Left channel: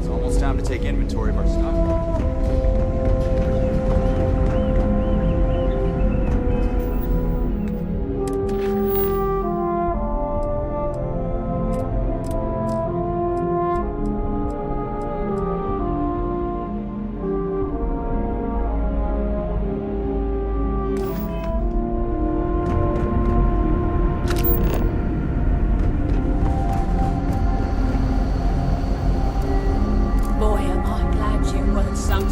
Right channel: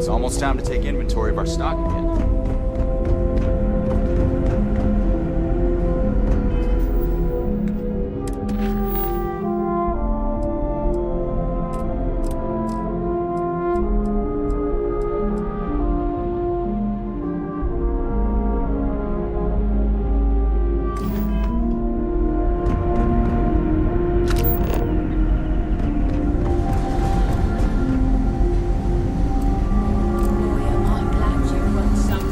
It's almost time to take inventory of our stock again. Boy, am I glad you weren't some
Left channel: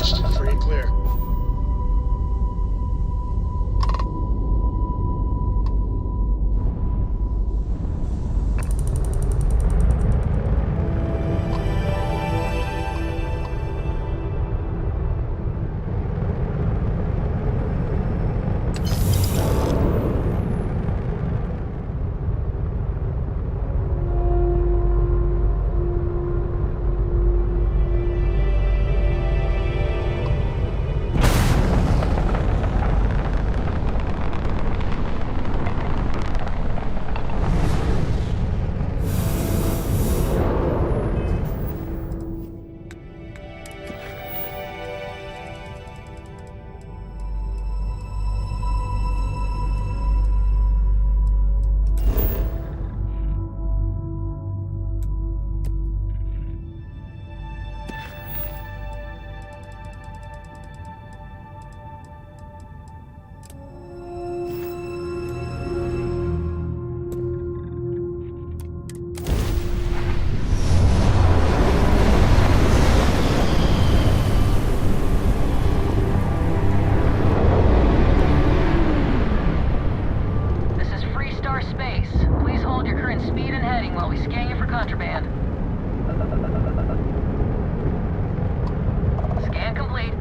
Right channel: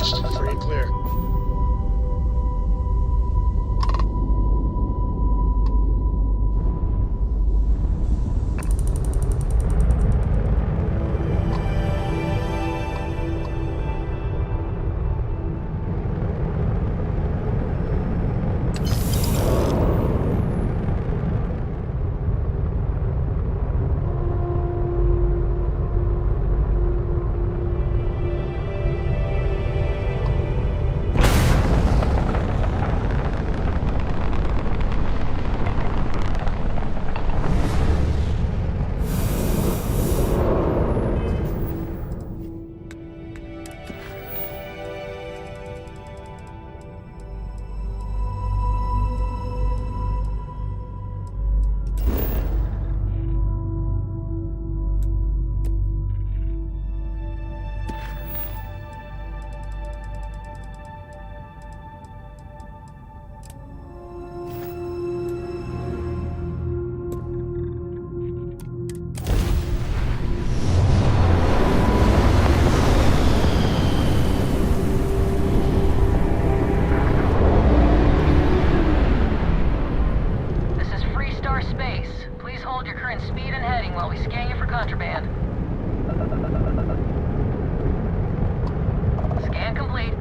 Acknowledged. Free and clear. Contraband. Scan complete.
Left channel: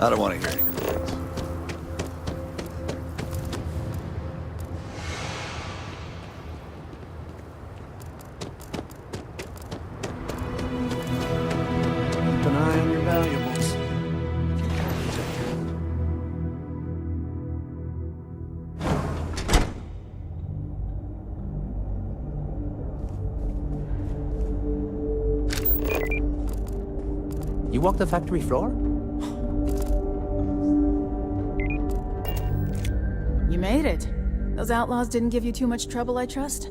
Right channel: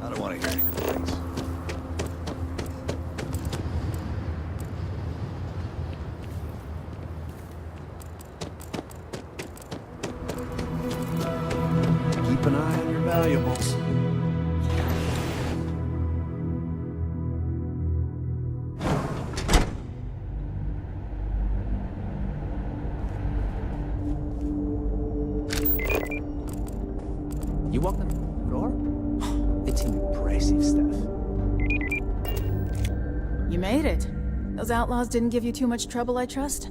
I don't want to hear any complaints. Keep an eye on your valuables. You walk the factory floor? It's impressive stuff. You made it. Those outlaws didn't give you too much trouble, I trust?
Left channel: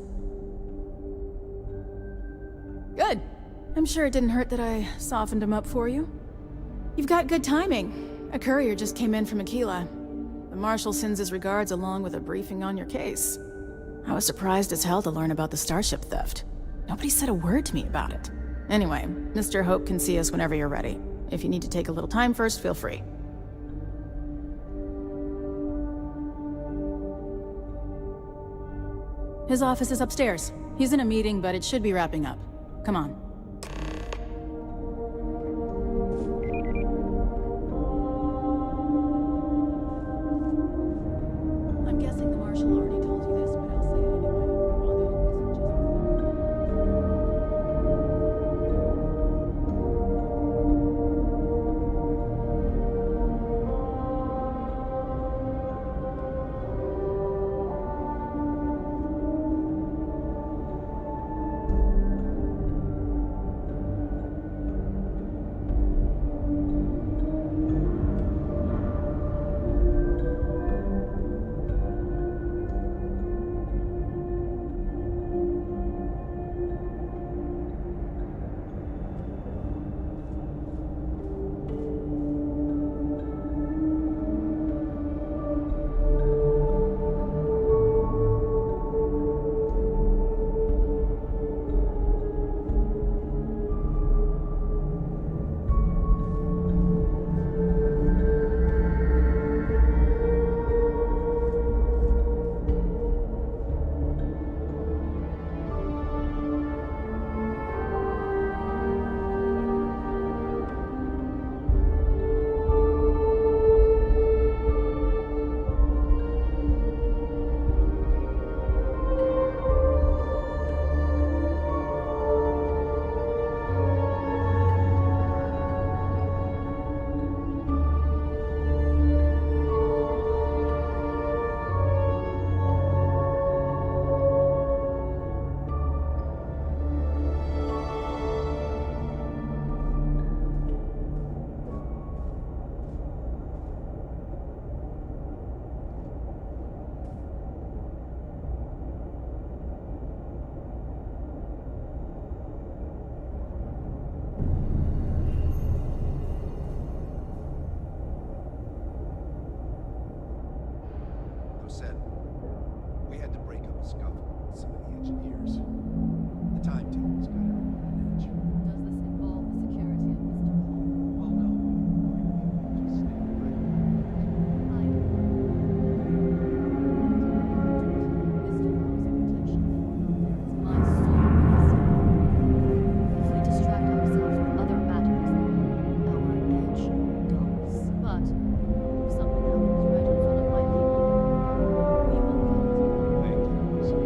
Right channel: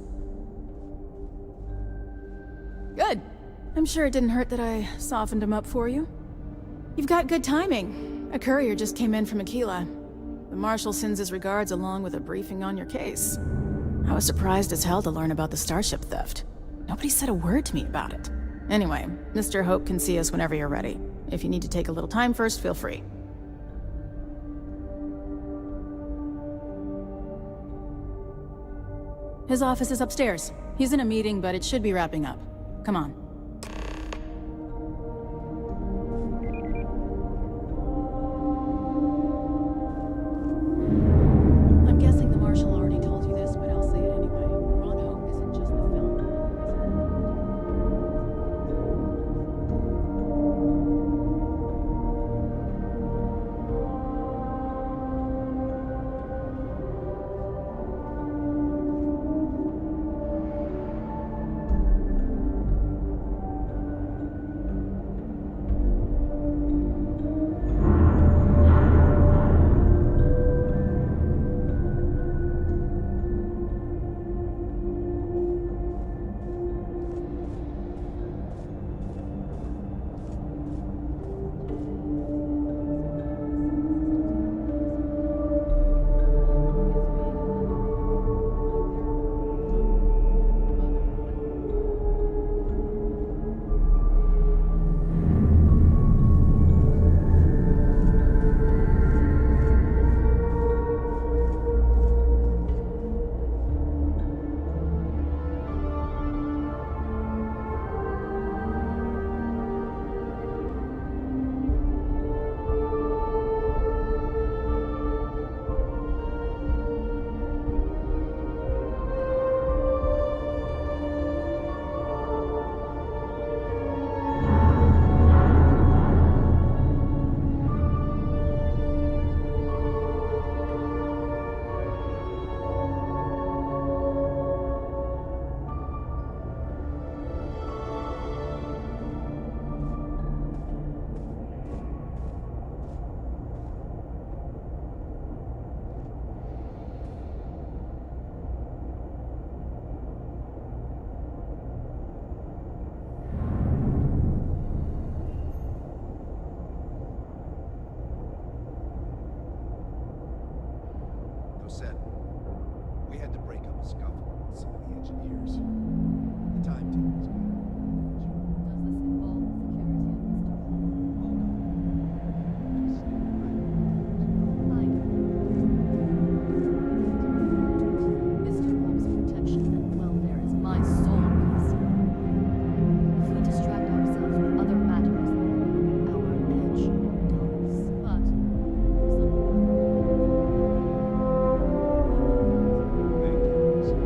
Good. I'm sure it didn't hurt that I softened them up for you. You've got good timing. A courier just came in from Aquila. The Marshal sends his regards along with a briefing on your case. I was surprised as hell to learn about the starship theft. Nobody said a word to me about it. Anyway, Mr. Hope can see us whenever you're ready. If you need to take a little time first, feel free. His office is upstairs. He's in a meeting, but it should be wrapping up. Come on. I'm guessing the Marshal already told you this, but I'll say it anyway. Ron Hope isn't just the said, we had to break up a scuffle with some of the engineers. The timetable's got it on edge. Does this involve the security of Mr. Hall? Well, no. Just stand right. I know. Mr. Hobbs' protection and welfare is my sole concern. If we distract ourselves with other matters, our edge dulls. But if something happens right in front of my people, we will call it. Thank you, Lisa.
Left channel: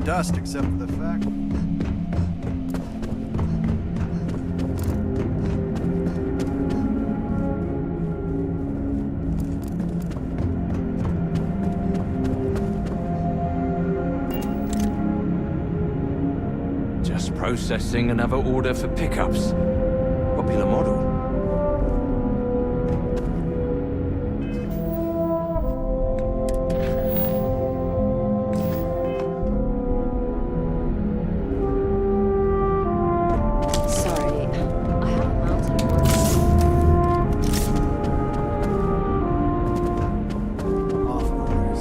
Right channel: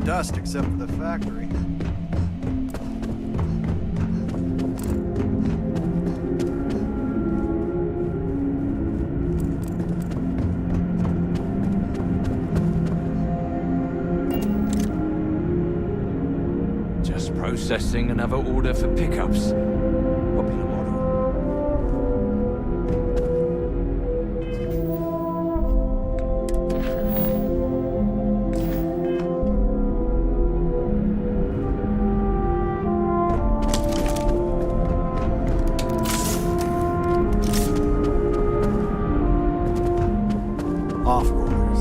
collecting dust except for the factory. Just processing another order for pickups. Popular model. Sorry, I Off-roaders.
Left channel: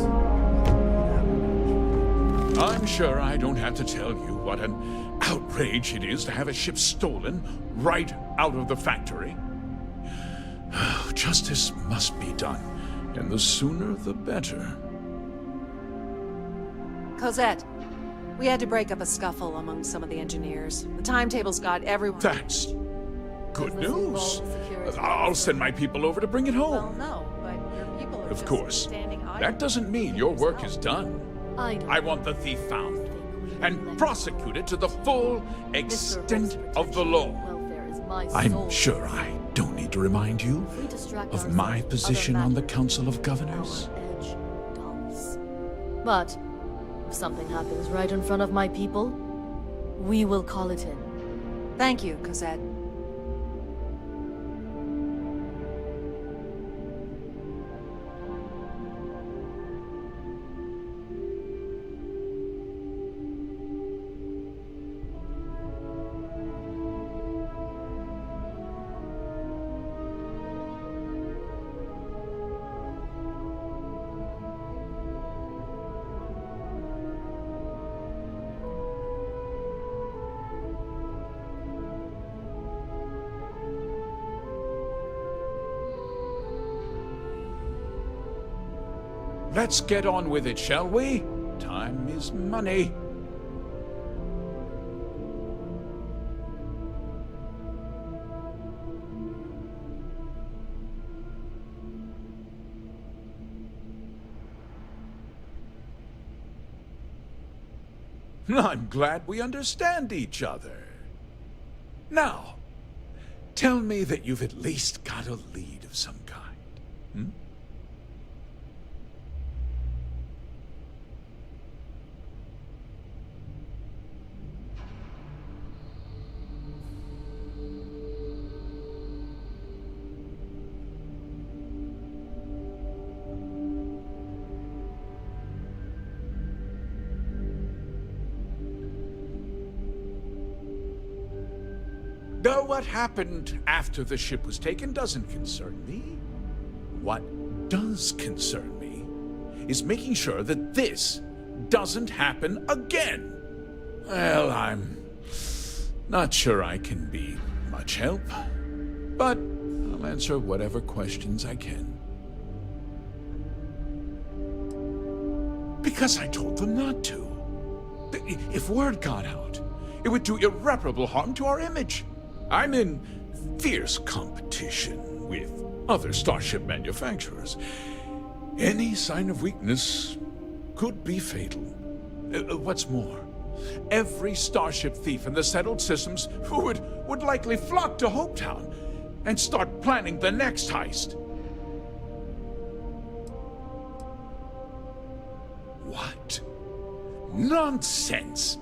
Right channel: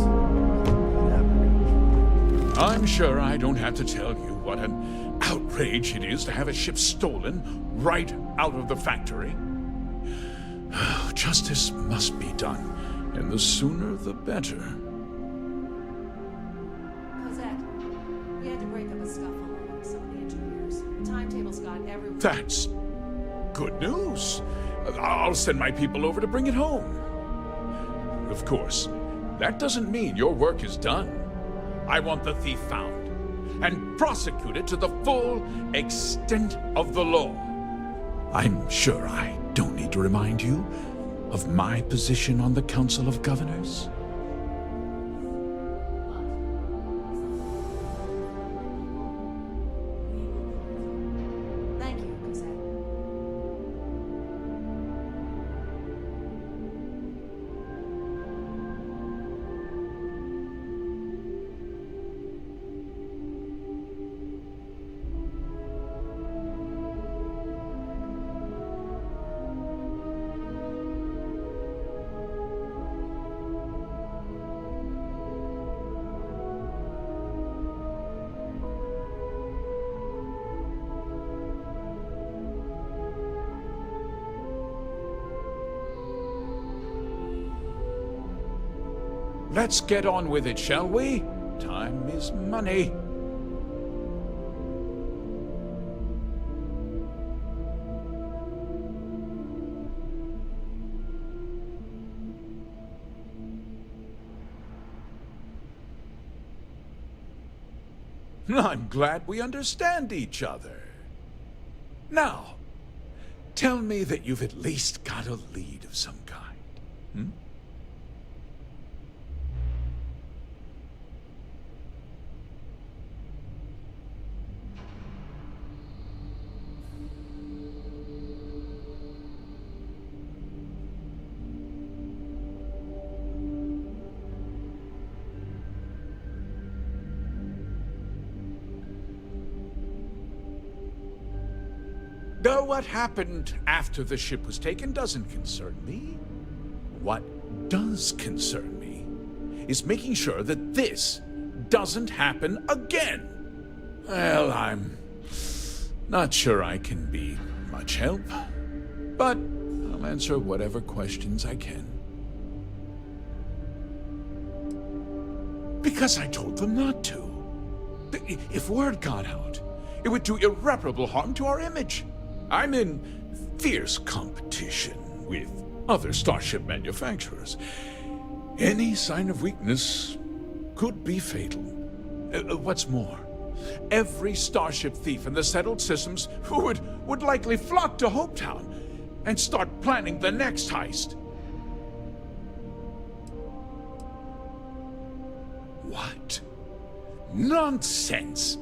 I'm sure I don't have to tell you what an outrage it is to have a ship stolen right out of the factory. Justice must be done, and the sooner the better. Cosette, we had to break up a scuffle among some of the engineers. The timetables got everyone. That's good news. I'll send my people over to bring it Well, home. no, but people are Of just course, standing idle. that doesn't mean your work is done. don't I want the thief found and prosecuted to the full extent of the law. Welfare is my I'm sole sure I don't need to remind you distract of my ourselves with position other on the matters. Council of Governors. Edge dulls. But if something happens right in front of my people, we will call it in. Thank you, Cosette. Let's get on with it, shall we? Time is money. I'm glad we understand each other. Now, tell me that you've at least got a lead of some kind. Hmm? Though what happened after the ship was taken doesn't concern me. What does concern me is making sure that this doesn't happen again. Well, I'm not sure I can be much help, but I'll answer whatever questions I can. Because I told them not to. If word got out, it would do irreparable harm to our image. I'm in fierce competition with other starship manufacturers. Any sign of weakness could be fatal. What's more, every starship thief in the settled systems would likely flock to Hopetown and start planning the next heist. What? Nonsense!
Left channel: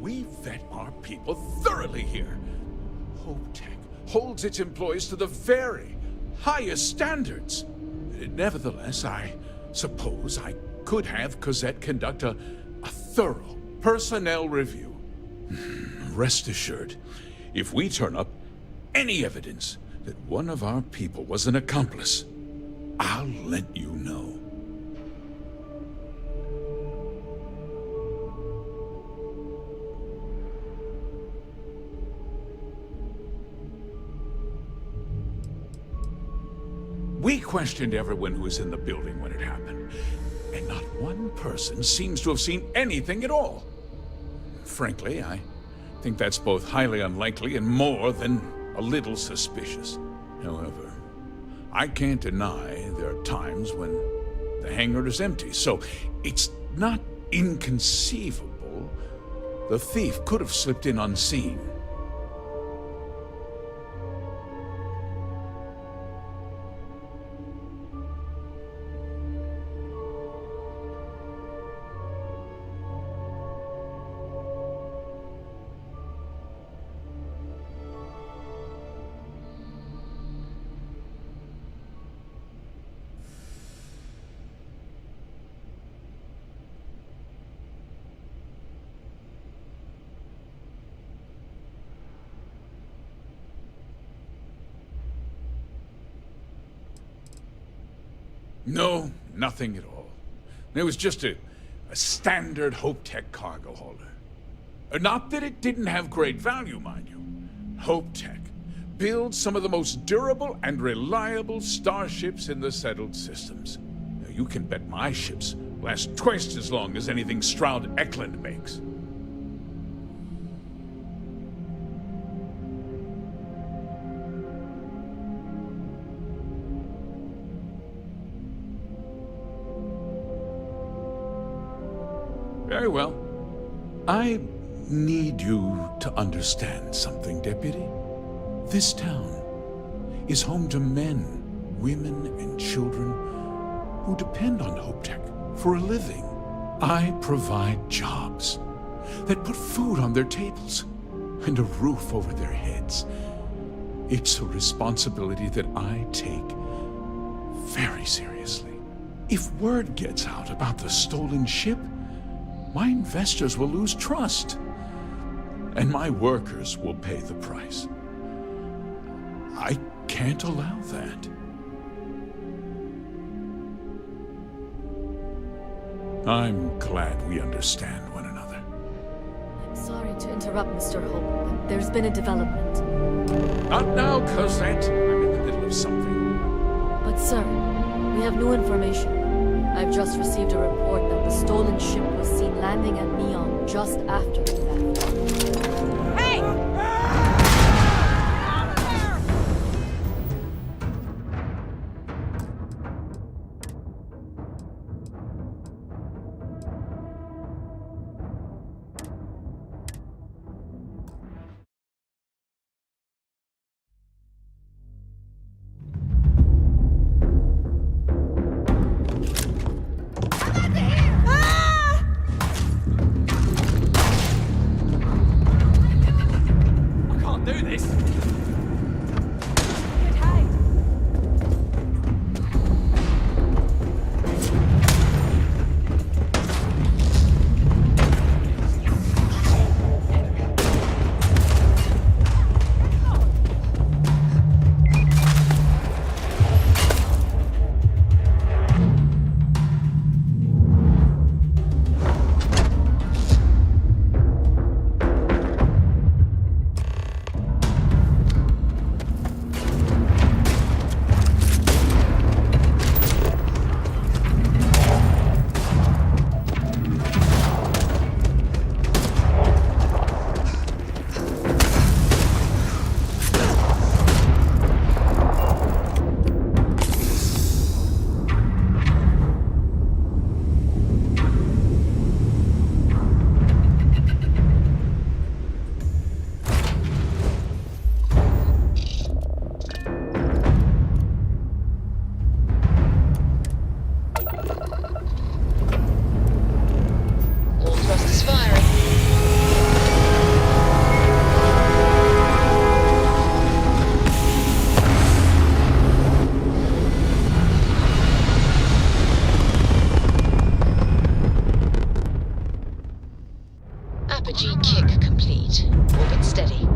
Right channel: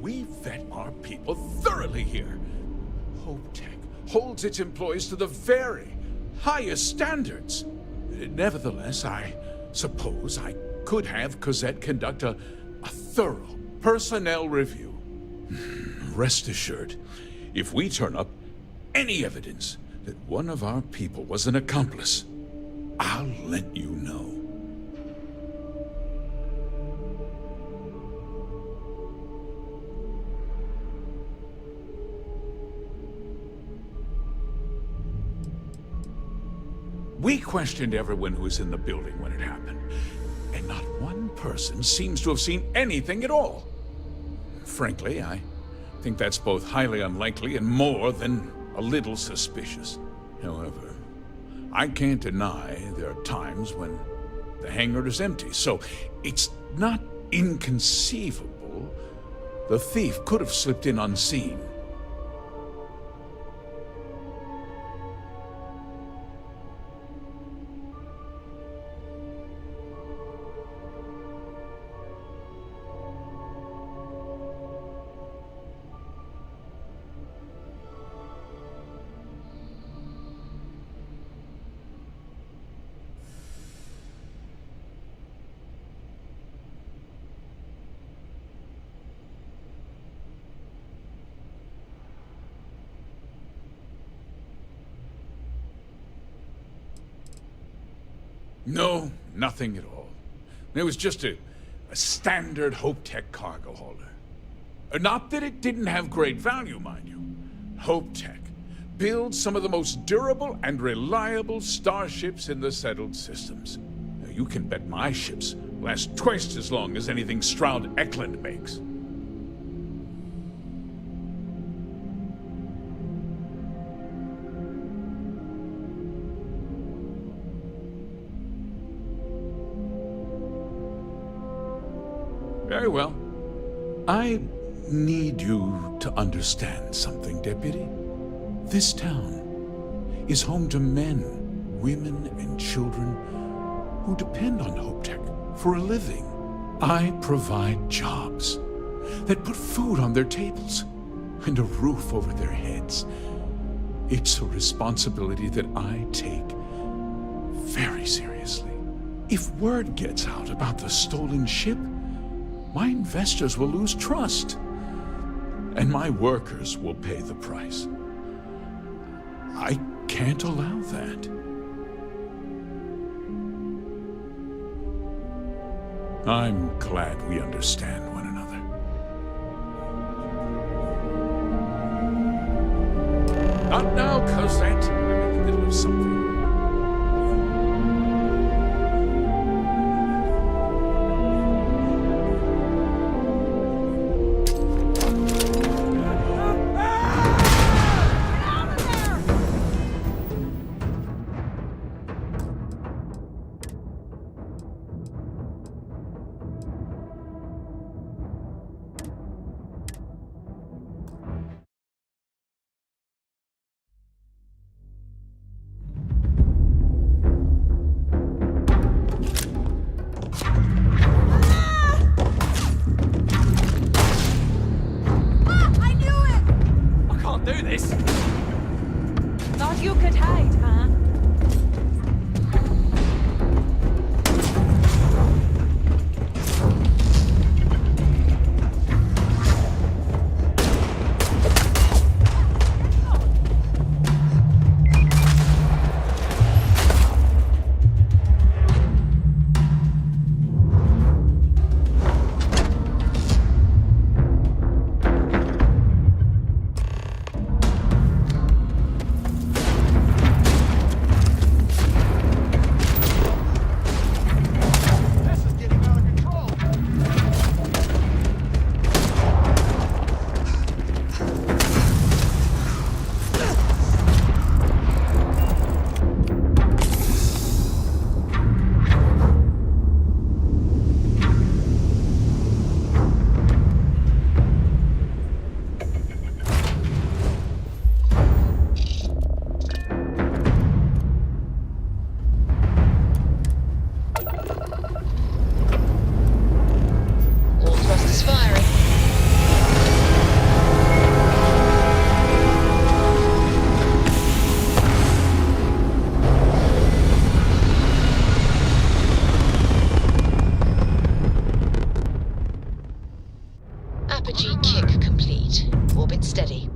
We vet our people thoroughly here. HopeTech holds its employees to the very highest standards. Nevertheless, I suppose I could have Cosette conduct a thorough personnel review. Rest assured, if we turn up any evidence that one of our people was an accomplice, I'll let you know. We questioned everyone who was in the building when it happened, and not one person seems to have seen anything at all. Frankly, I think that's both highly unlikely and more than a little suspicious. However, I can't deny there are times when the hangar is empty, so it's not inconceivable loophole, the thief could have slipped in unseen. No, nothing at all. It was just a standard HopeTech cargo holder. Not that it didn't have great value, mind you. HopeTech builds some of the most durable and reliable starships in the settled systems. Now, you can bet my ships last twice as long as anything Stroud Eklund makes. Very well. I need you to understand something, Deputy. This town is home to men, women, and children who depend on HopeTech for a living. I provide jobs that put food on their tables and a roof over their heads. It's a responsibility that I take very seriously. If word gets out about the stolen ship, my investors will lose trust, and my workers will pay the price. I can't allow that. I'm glad we understand one another. I'm sorry to interrupt, Mr. Hope. There's been a development. Not now, Cosette. I'm in the middle of something. But, sir, we have new information. I've just received a report that the stolen ship was seen landing at Neon just after you left. Hey! Get out of there! Do this. Thought you could hide, huh? Apogee kick complete. Orbit steady.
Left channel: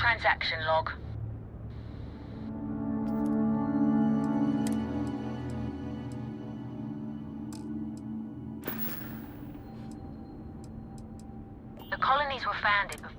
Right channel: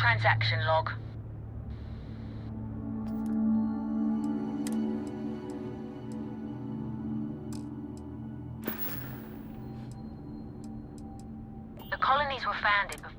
transaction log. The colonies were founded before.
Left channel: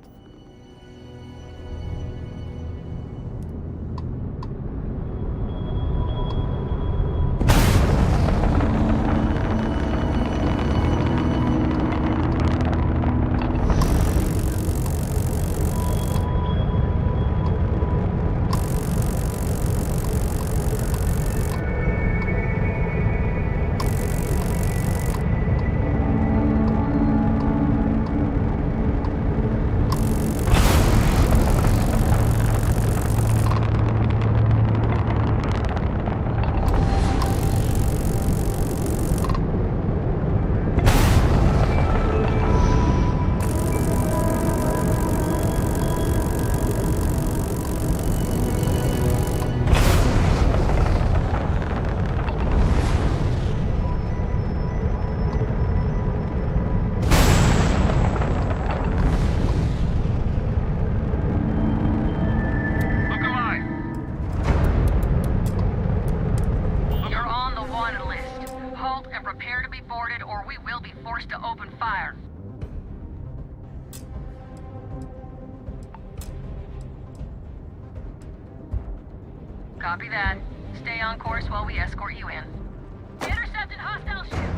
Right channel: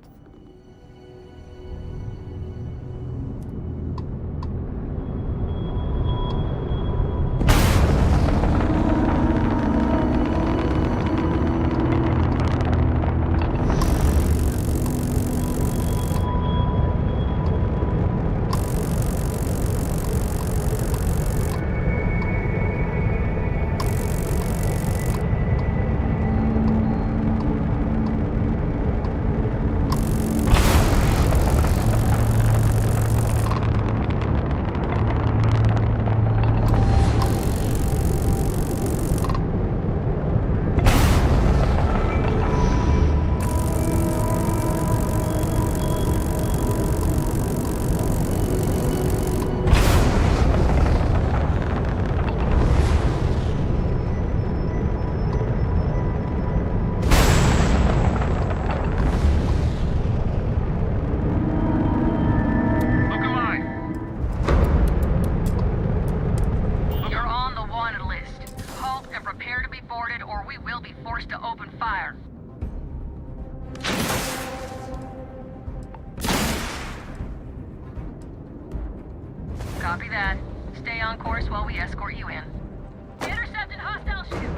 Copy that. Stay on course while we escort you in. Intercepted hostile ship!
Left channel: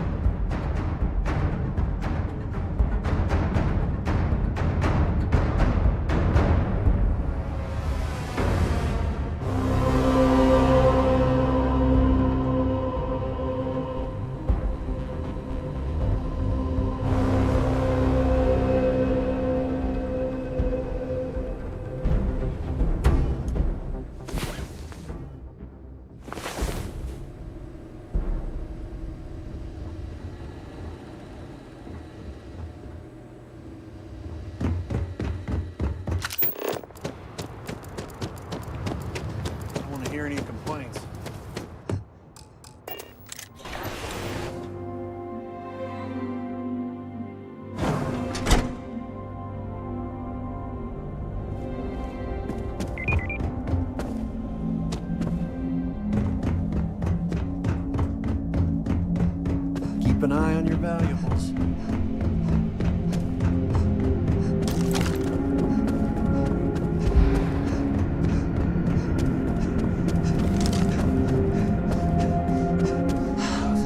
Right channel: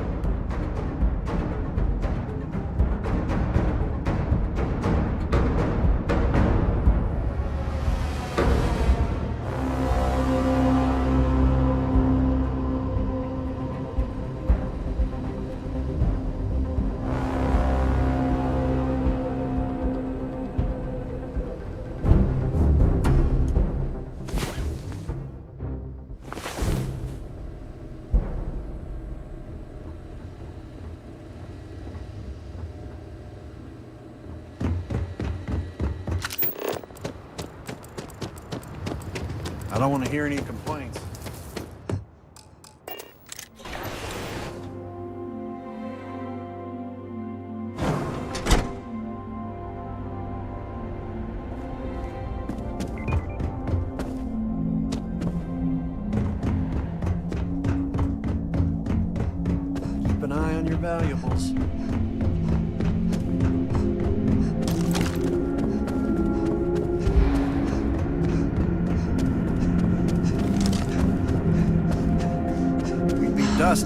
I don't want to hear any complaints. Keep an eye on your valuables.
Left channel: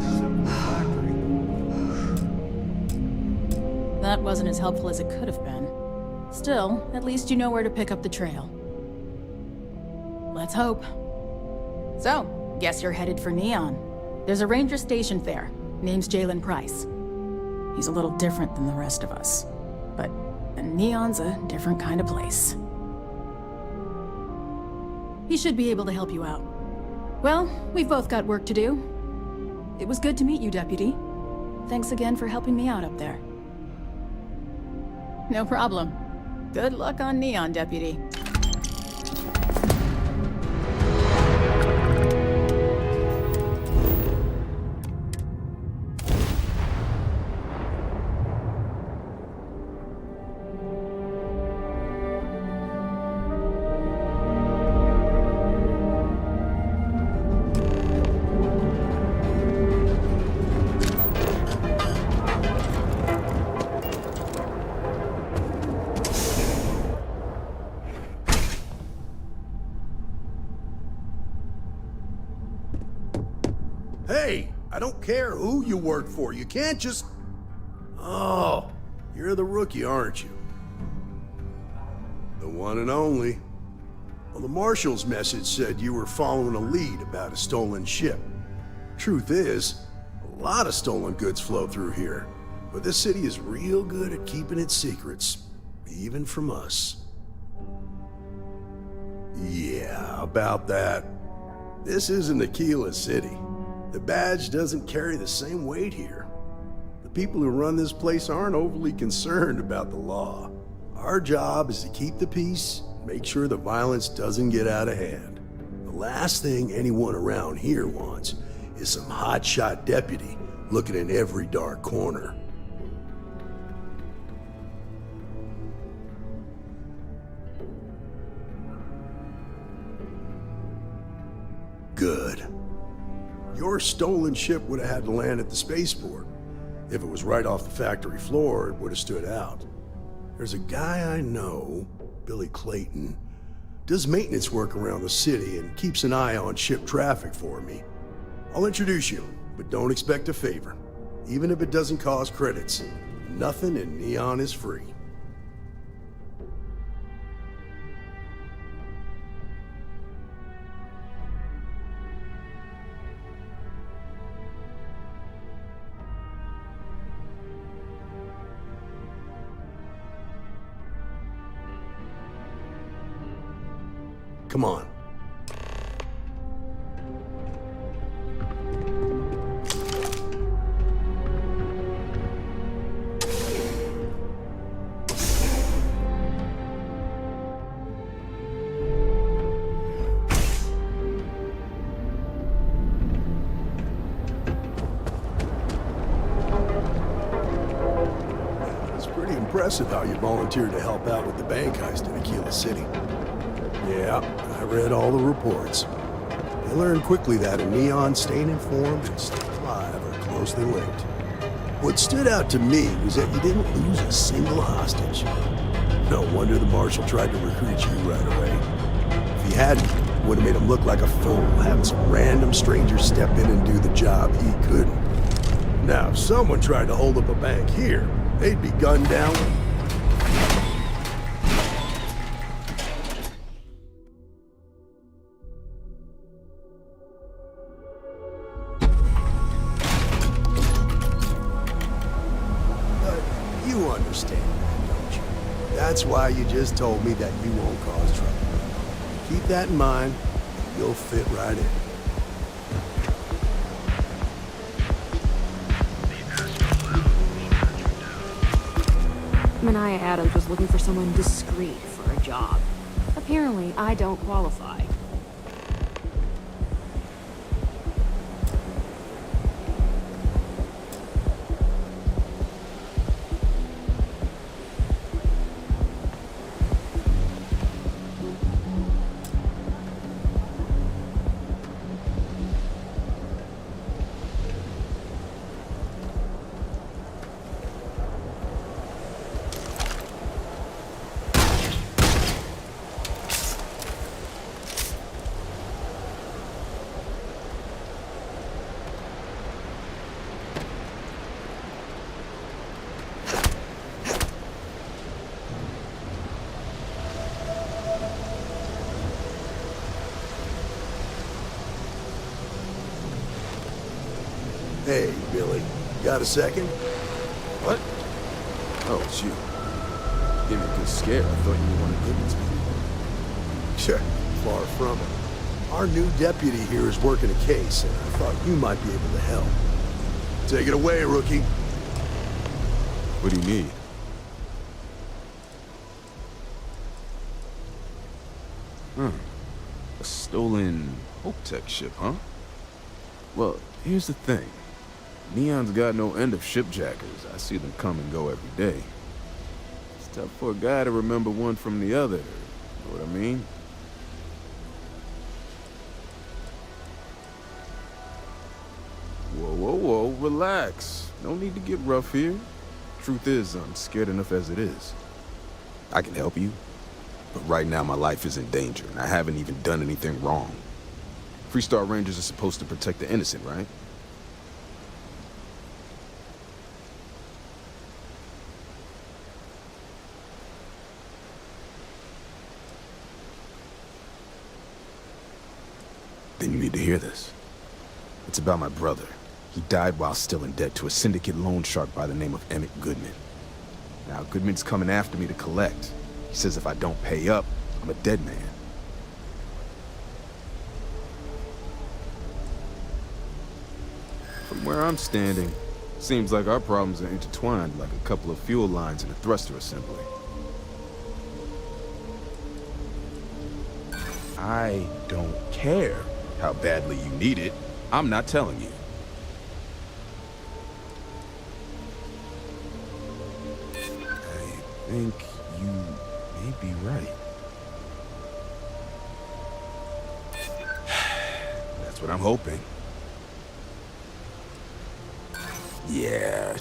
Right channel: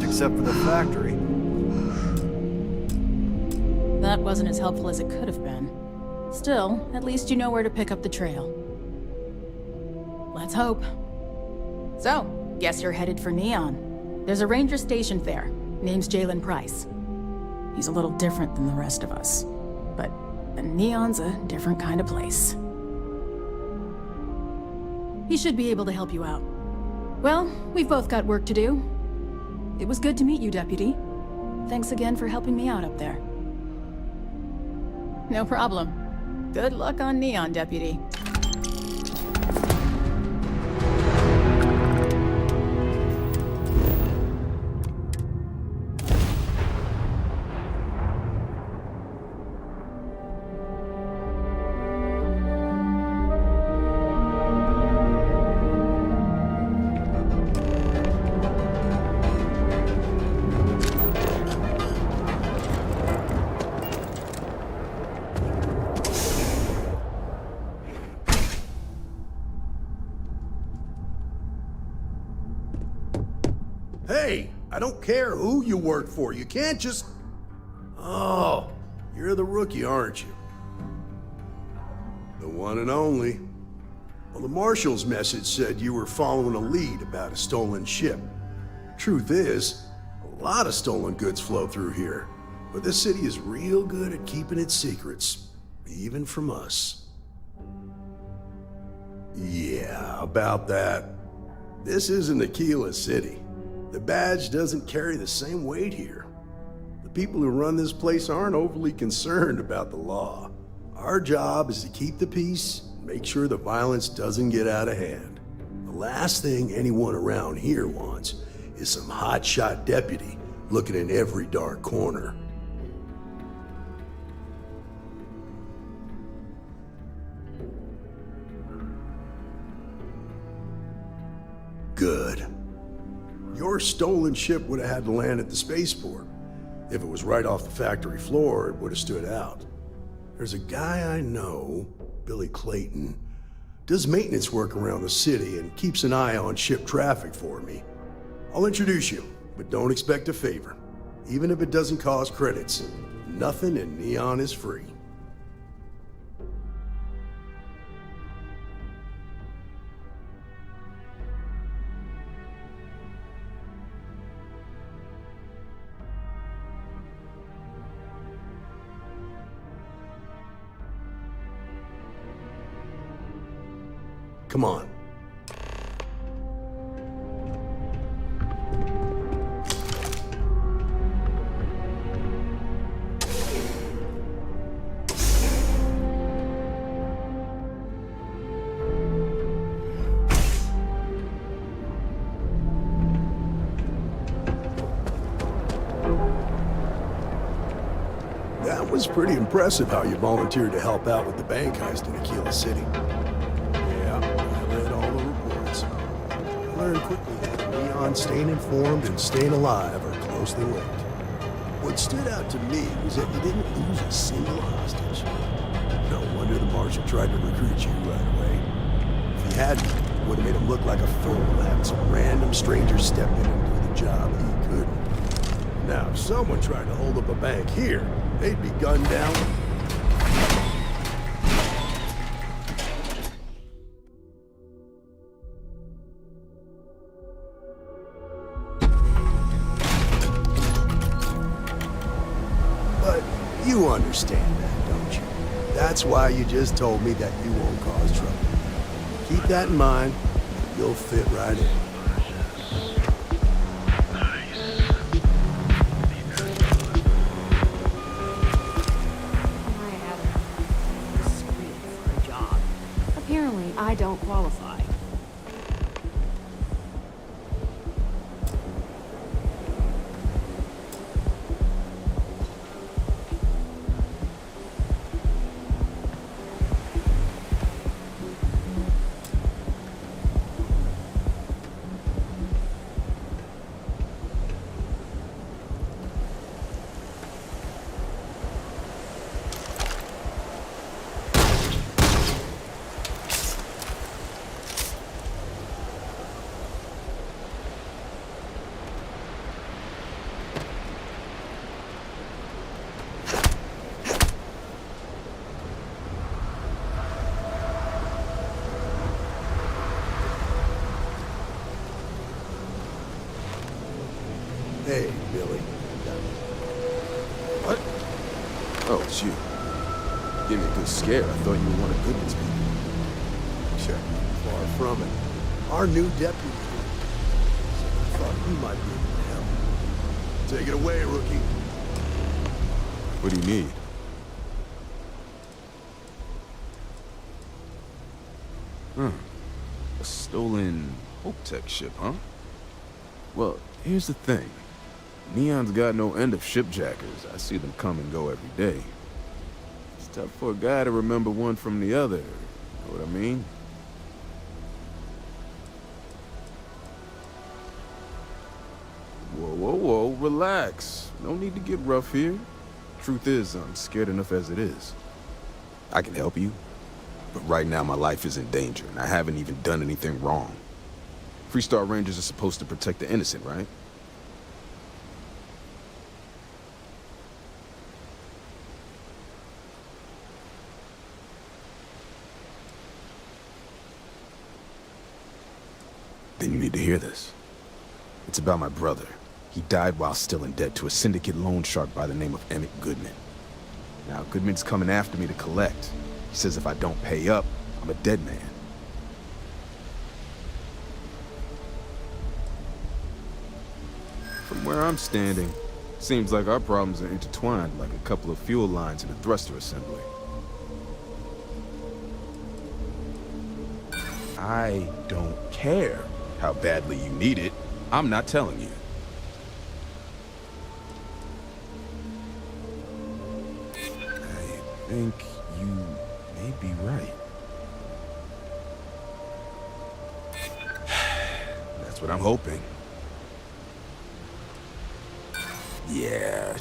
Except for the factory. That wasn't as helpful as it could have been. Still, at least you know where to pick up the trail. Let's hope. So, guess you're headed for Neon. There's a ranger stationed there. Name's Jalen Price. He's a little different than the rest of us. But Neon's a different kind of place. He should be able to help you out. Well, we've both got work to do. It was good to meet you, Deputy. Thanks again for helping me out up there. No problem. Good luck on Neon, Deputy. Hey, I don't care who you work for. You can't just... Oh, you're the rookie, aren't you? The one and only. Well, the Marshal's message said you were following a lead about a stolen ship. Truth is, a lot of stolen goods flow through here. But this city is real good at keeping its secrets, even from us. Yeah, about that. This isn't Aquila City. The badge doesn't carry the same weight here. The people who run this place aren't overly concerned about the law. Our job is to keep the peace and make sure the violence doesn't get out of hand. The last thing anyone around here wants is some hotshot deputy looking in every dark corner. your stolen ship would have had to land at the spaceport. If it was right off the factory floor, it would have stood out. There's a guy I know, Billy Clayton, does maintenance work around the city and keeps an eye on ship traffic for me. I'll introduce you, but don't expect a favor. Even if it doesn't cost credits, nothing in Neon is free. Come on. That was pretty impressive how you volunteered to help out with the bank heist in Aquila City. Yeah, I read all the reports. I learned quickly that in Neon, staying informed and staying alive are closely linked. What stood out to me was that you didn't lose a single hostage. No wonder the Marshal tried to recruit you right away. If he hadn't, it would have made him look like a fool, having some random stranger step in and do the job he couldn't. Now, if someone tried to hold up a bank here, they'd be gunned down. You understand that, don't you? That's why you just told me that you won't cause trouble. Keep that in mind, and you'll fit right in. Manaya Adams was looking for someone discreet for a job. Apparently, I don't qualify. Hey, Billy, got a second? What? Oh, it's you. Gave me a good scare. I thought you were one of Goodman's people. Sure, far from it. Our new deputy here is working a case, and I thought you might be able to help. Take it away, rookie. What do you need? A stolen Hope-Tech ship, huh? Well, here's the thing. Neon's got no end of shipjackers. I see them come and go every day. It's tough for a guy to remember one from the other. Know what I mean? Whoa, whoa, whoa, relax. No need to get rough here. Truth is, I'm scared enough as it is. I can help you, but right now my life is in danger, and I haven't even done anything wrong. Freestar Rangers are supposed to protect the innocent, right? Then you need to hear this. It's about my brother. He died while still in debt to a syndicate loan shark by the name of Emmett Goodman. Now, Goodman's coming after me to collect. He says if I don't pay up, I'm a dead man. From where I'm standing, seems like our problems are intertwined like a couple of fuel lines in a thruster assembly. I don't care how badly you need it. I'm not telling you. I think you may be right. That's what I'm hoping. Yeah.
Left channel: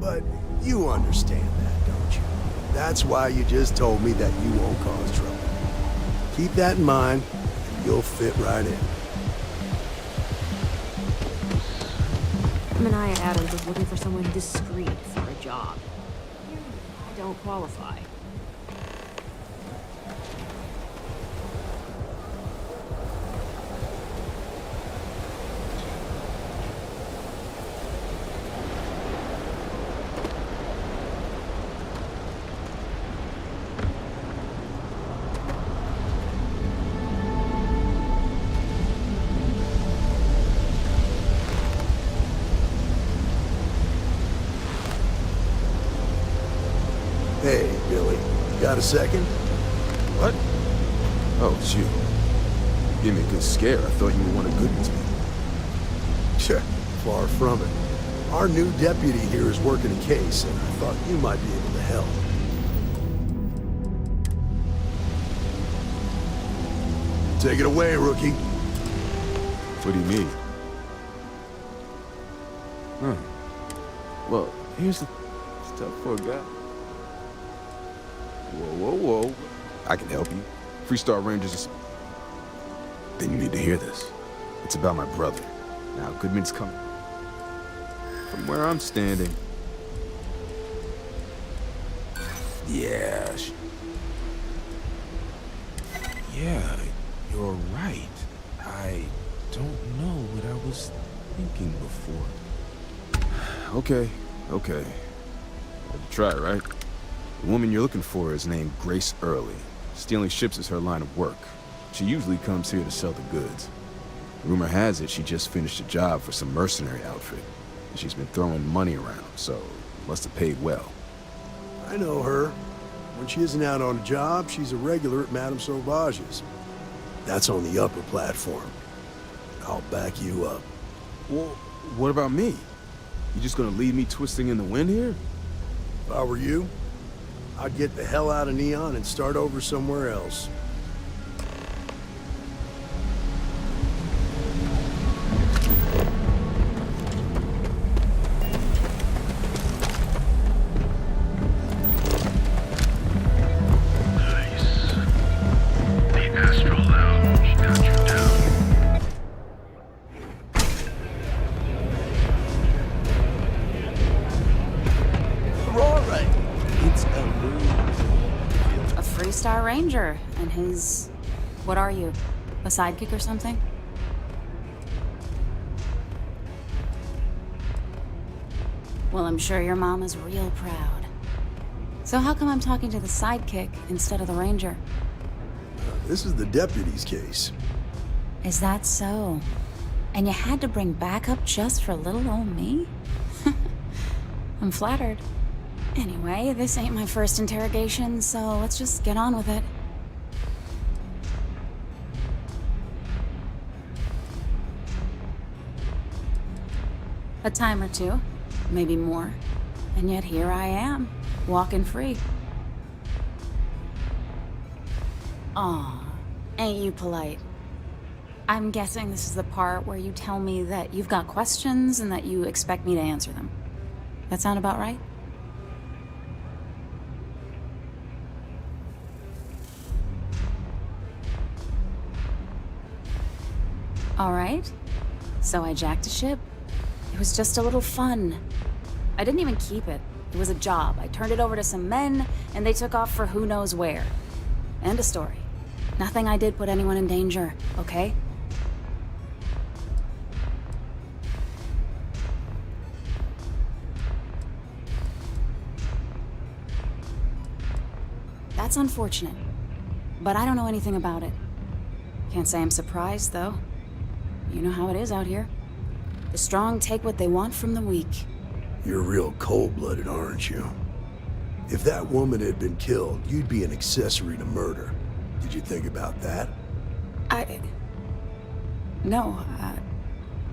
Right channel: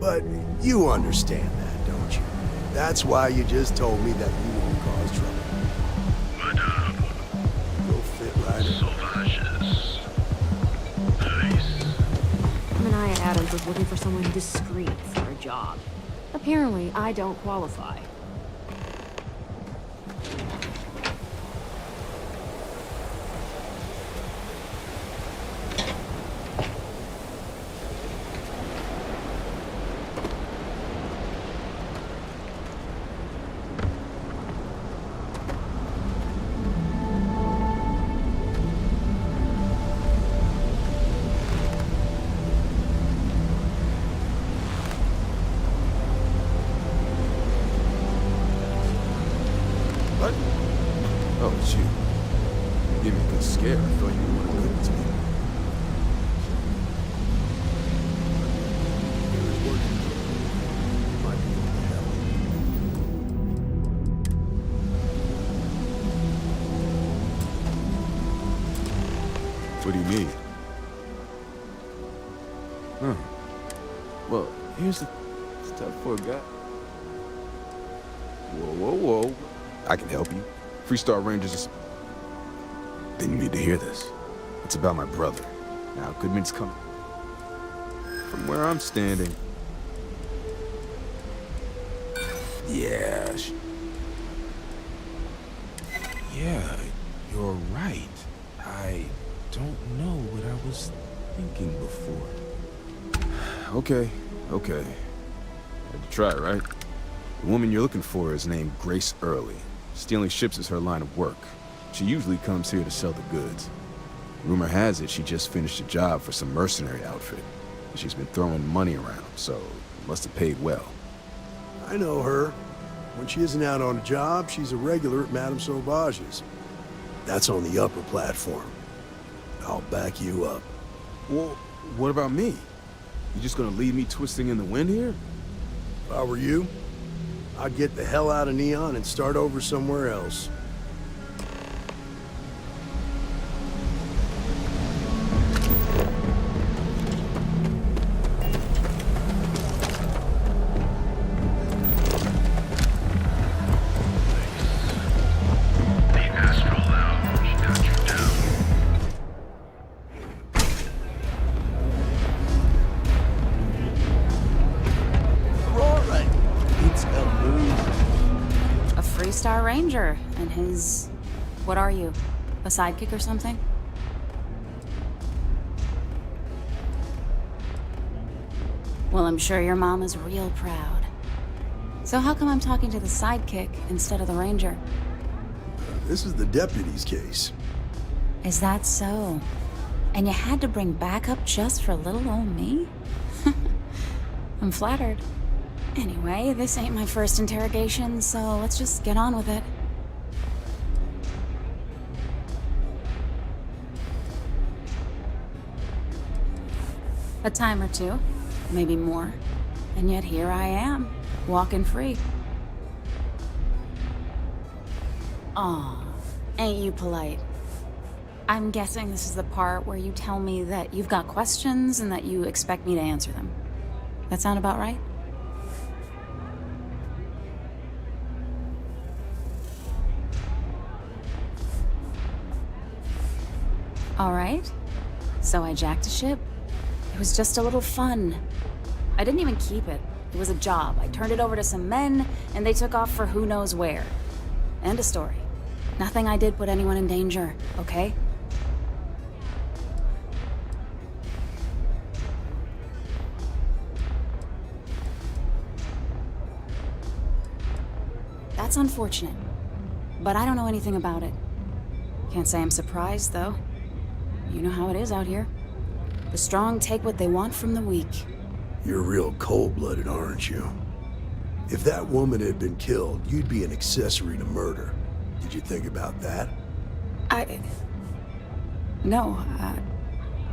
But you understand that, don't you? That's why you just told me that you won't cause trouble. Keep that in mind. You'll fit right in. Mania Adams was looking for someone discreet for a job. Apparently, I don't qualify. Hey, Billy, got a second? What? Oh, it's you. You gave me a good scare. I thought you were one of Goodman's people. Sure, far from it. Our new deputy here is working a case, and I thought you might be able to help. Take it away, rookie. What do you mean? Huh. Well, here's the stuff for a guy. Whoa. I can help you. Freestar Rangers is... Then you need to hear this. It's about my brother. Now, Goodman's coming. From where I'm standing... Yeah, Yeah, you're right. I don't know what I was thinking before. Okay. Had to try, right? The woman you're looking for is named Grace Early. Stealing ships is her line of work. She usually comes here to sell the goods. Rumor has it she just finished a job for some mercenary outfit. And she's been throwing money around, so must have paid well. I know her. When she isn't out on a job, she's a regular at Madame Sauvage's. That's on the upper platform. I'll back you up. Well, what about me? You just gonna leave me twisting in the wind here? If I were you, I'd get the hell out of Neon and start over somewhere else. Star Ranger and his... What are you? A sidekick or something? Well, I'm sure your mom is real proud. So how come I'm talking to the sidekick instead of the Ranger? This is the deputy's case. Is that so? And you had to bring backup just for little old me? I'm flattered. Anyway, this ain't my first interrogation, so let's just get on with it. A time or two, maybe more. And yet here I am, walking free. Aw, ain't you polite? I'm guessing this is the part where you tell me that you've got questions and that you expect me to answer them. That sound about right? All right. So I jacked a ship. It was just a little fun. I didn't even keep it. It was a job. I turned it over to some men, and they took off for who knows where. End of story. Nothing I did put anyone in danger, okay? That's unfortunate. But I don't know anything about it. Can't say I'm surprised, though. You know how it is out here. The strong take what they want from the weak. You're real cold-blooded, aren't you? If that woman had been killed, you'd be an accessory to murder. Did you think about that? No,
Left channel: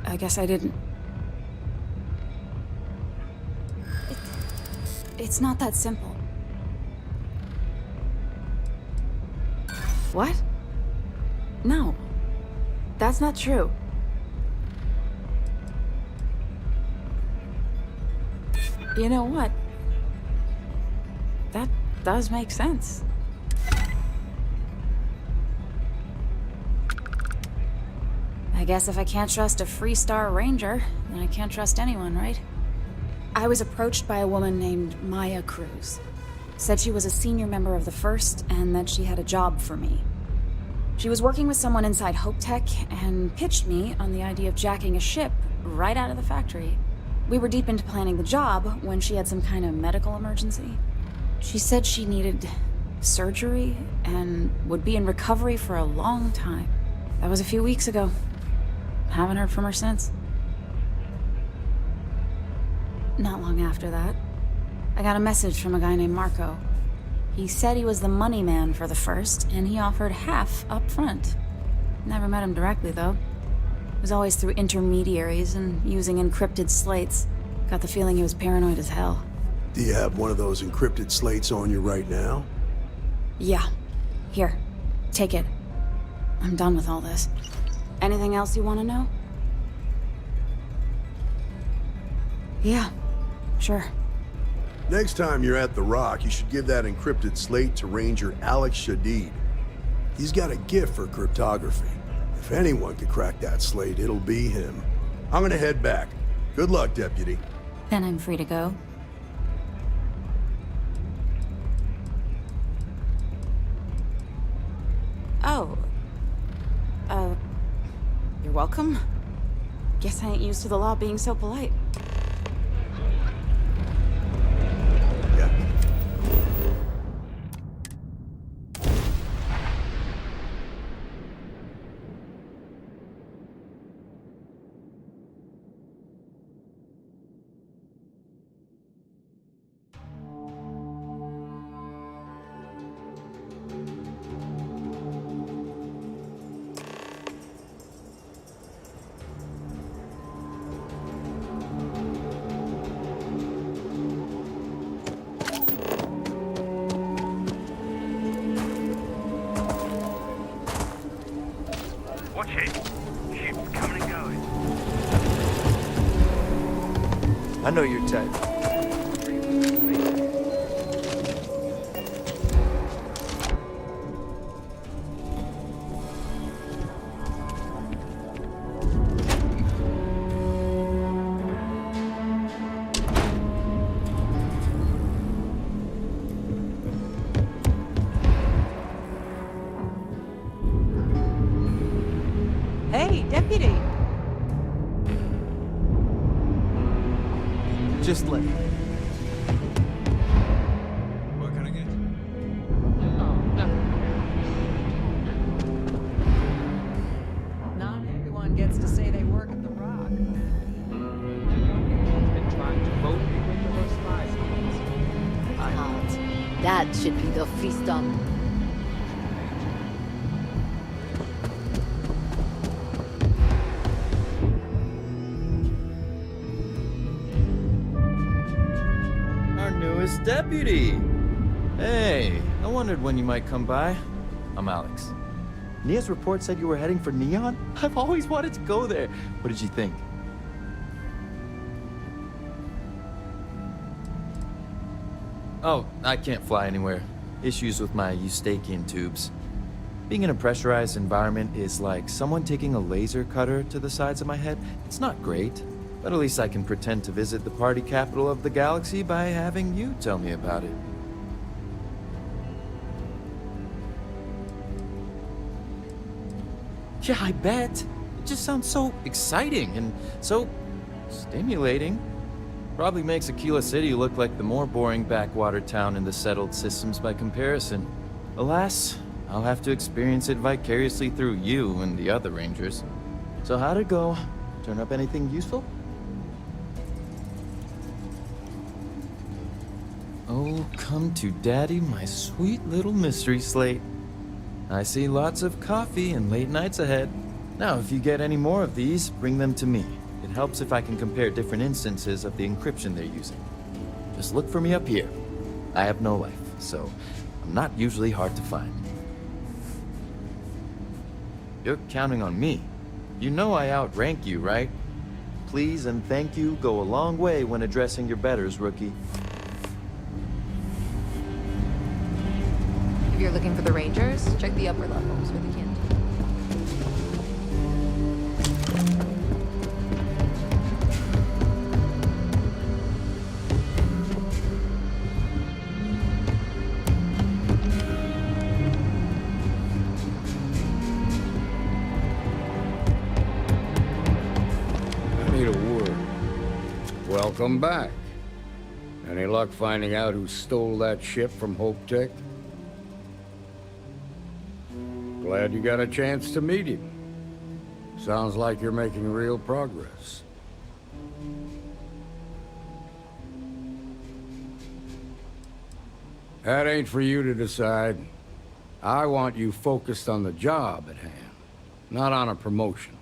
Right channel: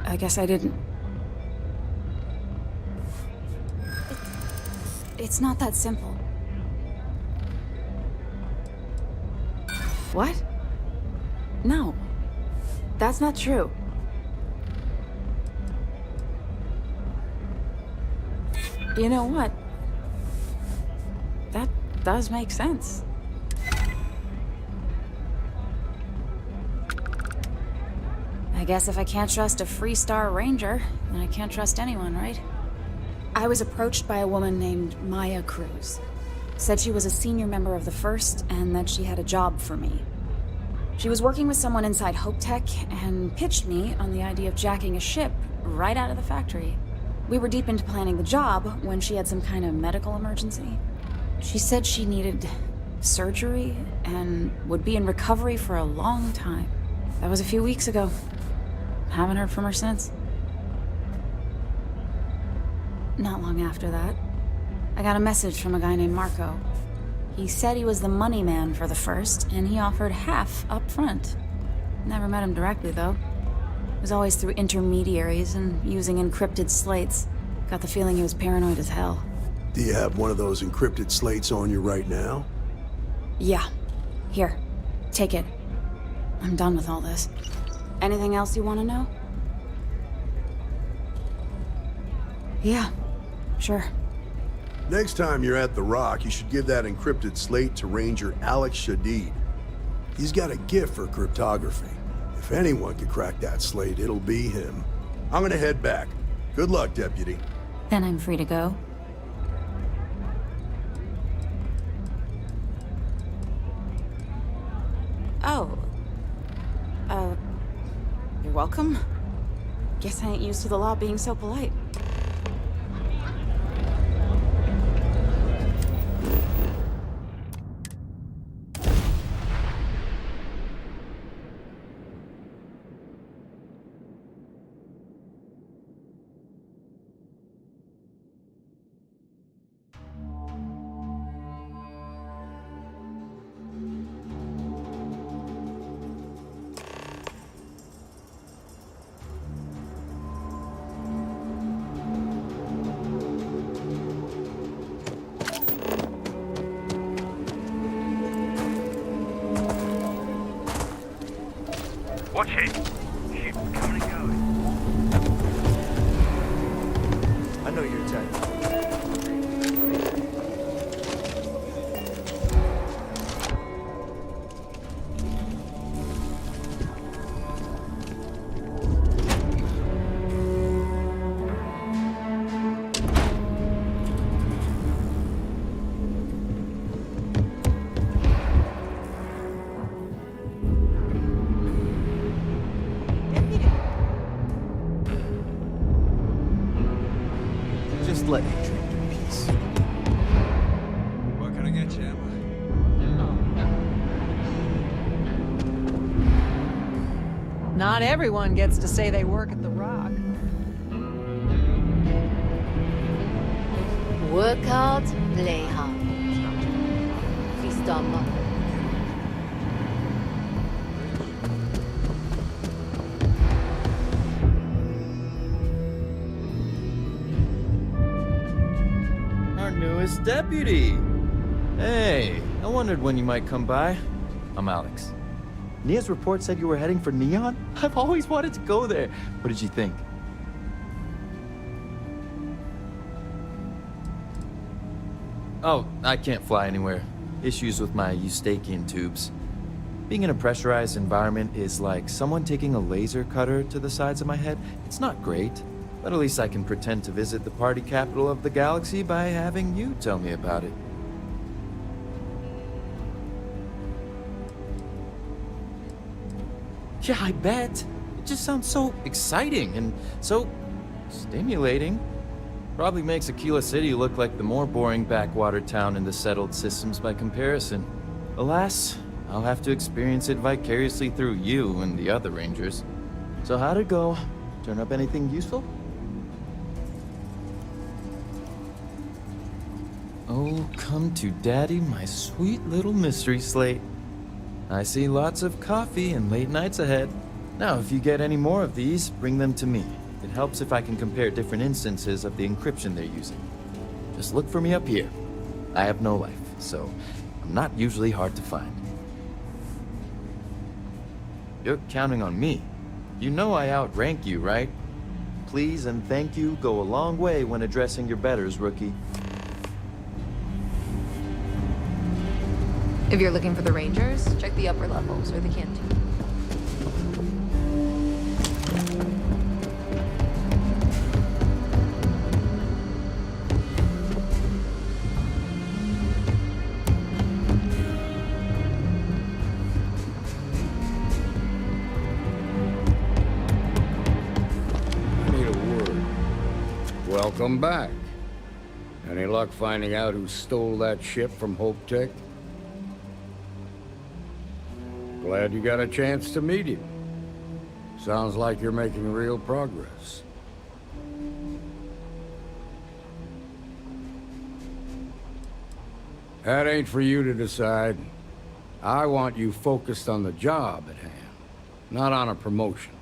I guess I didn't. It's not that simple. What? No. That's not true. You know what? That does make sense. I guess if I can't trust a Freestar Ranger, then I can't trust anyone, right? I was approached by a woman named Maya Cruz. Said she was a senior member of the First and that she had a job for me. She was working with someone inside Hope Tech and pitched me on the idea of jacking a ship right out of the factory. We were deep into planning the job when she had some kind of medical emergency. She said she needed surgery and would be in recovery for a long time. That was a few weeks ago. Haven't heard from her since. Not long after that, I got a message from a guy named Marco. He said he was the money man for the First, and he offered half up front. Never met him directly, though. It was always through intermediaries and using encrypted slates. Got the feeling he was paranoid as hell. Do you have one of those encrypted slates on you right now? Yeah. Here. Take it. I'm done with all this. Anything else you want to know? Yeah. Sure. Next time you're at the Rock, you should give that encrypted slate to Ranger Alex Shadid. He's got a gift for cryptography. If anyone could crack that slate, it'll be him. I'm gonna head back. Good luck, Deputy. Then I'm free to go. Oh. You're welcome. Guess I ain't used to the law being so polite. Watch it. Ship's coming and going. I know your type. Hey, Deputy. Just let me. What can I get you, Emma? Not everyone gets to say they work at the Rock. Work hard, play hard. That should be the Freestar motto. Our newest deputy. Hey, I wondered when you might come by. I'm Alex. Nia's report said you were heading for Neon? I've always wanted to go there. What did you think? Oh, I can't fly anywhere. Issues with my eustachian tubes. Being in a pressurized environment is like someone taking a laser cutter to the sides of my head. It's not great, but at least I can pretend to visit the party capital of the galaxy by having you tell me about it. Yeah, I bet. It just sounds so exciting and so stimulating. Probably makes Aquila City look like the more boring backwater town in the settled systems by comparison. Alas, I'll have to experience it vicariously through you and the other Rangers. So how'd it go? Turn up anything useful? Oh, come to Daddy, my sweet little mystery slate. I see lots of coffee and late nights ahead. Now, if you get any more of these, bring them to me. It helps if I can compare different instances of the encryption they're using. Just look for me up here. I have no life, so I'm not usually hard to find. You're counting on me. You know I outrank you, right? Please and thank you go a long way when addressing your betters, rookie. If you're looking for the Rangers, check the upper levels or the canteen. I need a word. Welcome back. Any luck finding out who stole that ship from Hope Tech? Glad you got a chance to meet him. Sounds like you're making real progress. That ain't for you to decide. I want you focused on the job at hand, not on a promotion.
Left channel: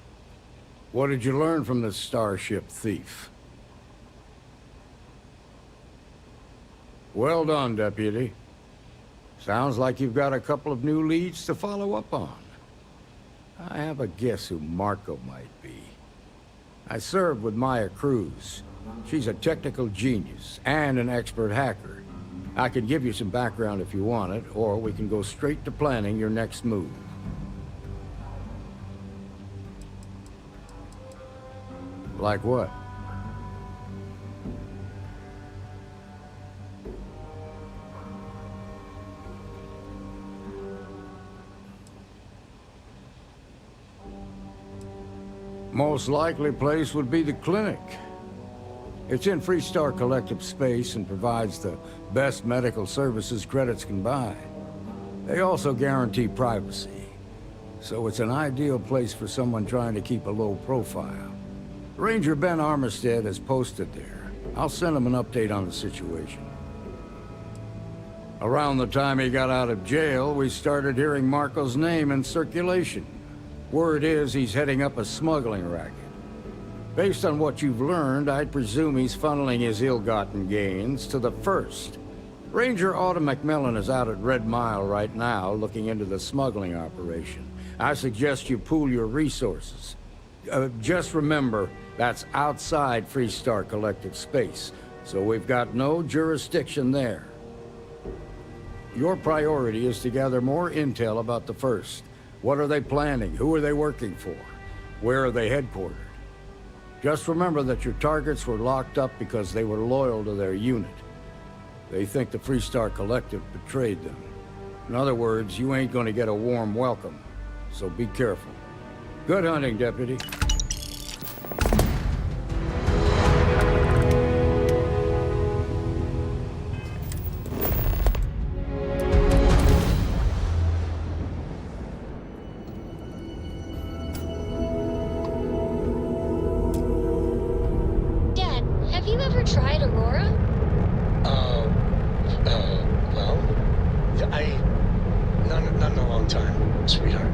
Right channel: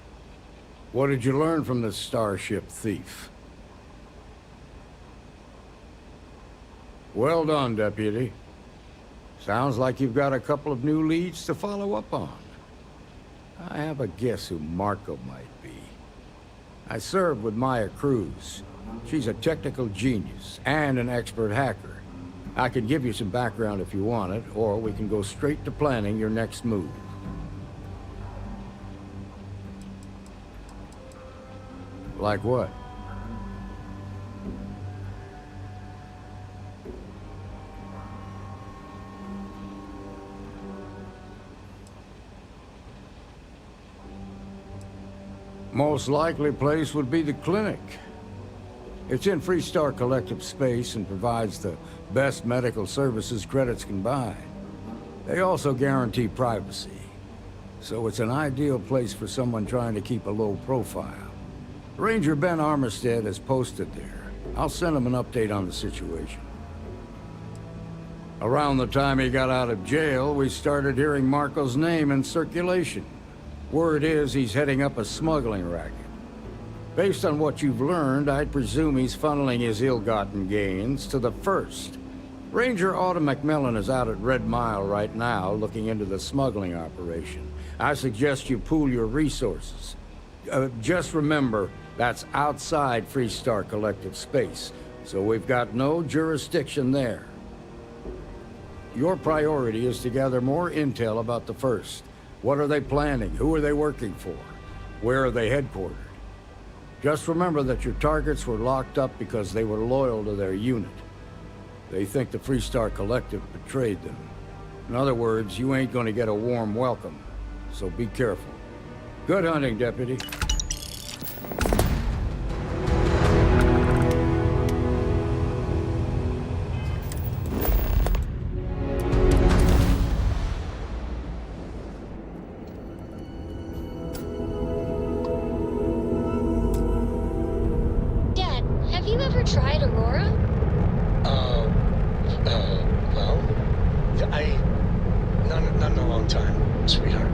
What did you learn from the starship thief? Well done, Deputy. Sounds like you've got a couple of new leads to follow up on. I have a guess who Marco might be. I served with Maya Cruz. She's a technical genius and an expert hacker. I could give you some background if you want it, or we can go straight to planning your next move. Like what? Most likely place would be the clinic. It's in Freestar Collective space and provides the best medical services credits can buy. They also guarantee privacy, so it's an ideal place for someone trying to keep a low profile. Ranger Ben Armistead is posted there. I'll send him an update on the situation. Around the time he got out of jail, we started hearing Marco's name in circulation. Word is he's heading up a smuggling racket. Based on what you've learned, I'd presume he's funneling his ill-gotten gains to the First. Ranger Autumn McMillan is out at Red Mile right now, looking into the smuggling operation. I suggest you pool your resources. Just remember, that's outside Freestar Collective space, so we've got no jurisdiction there. Your priority is to gather more intel about the First. What are they planning? Who are they working for? Where are they headquartered? Just remember that your targets were locked up because they were loyal to their unit. They think the Freestar Collective betrayed them. In other words, you ain't gonna get a warm welcome, so be careful. Good hunting, Deputy. Not in a long time, sweetheart.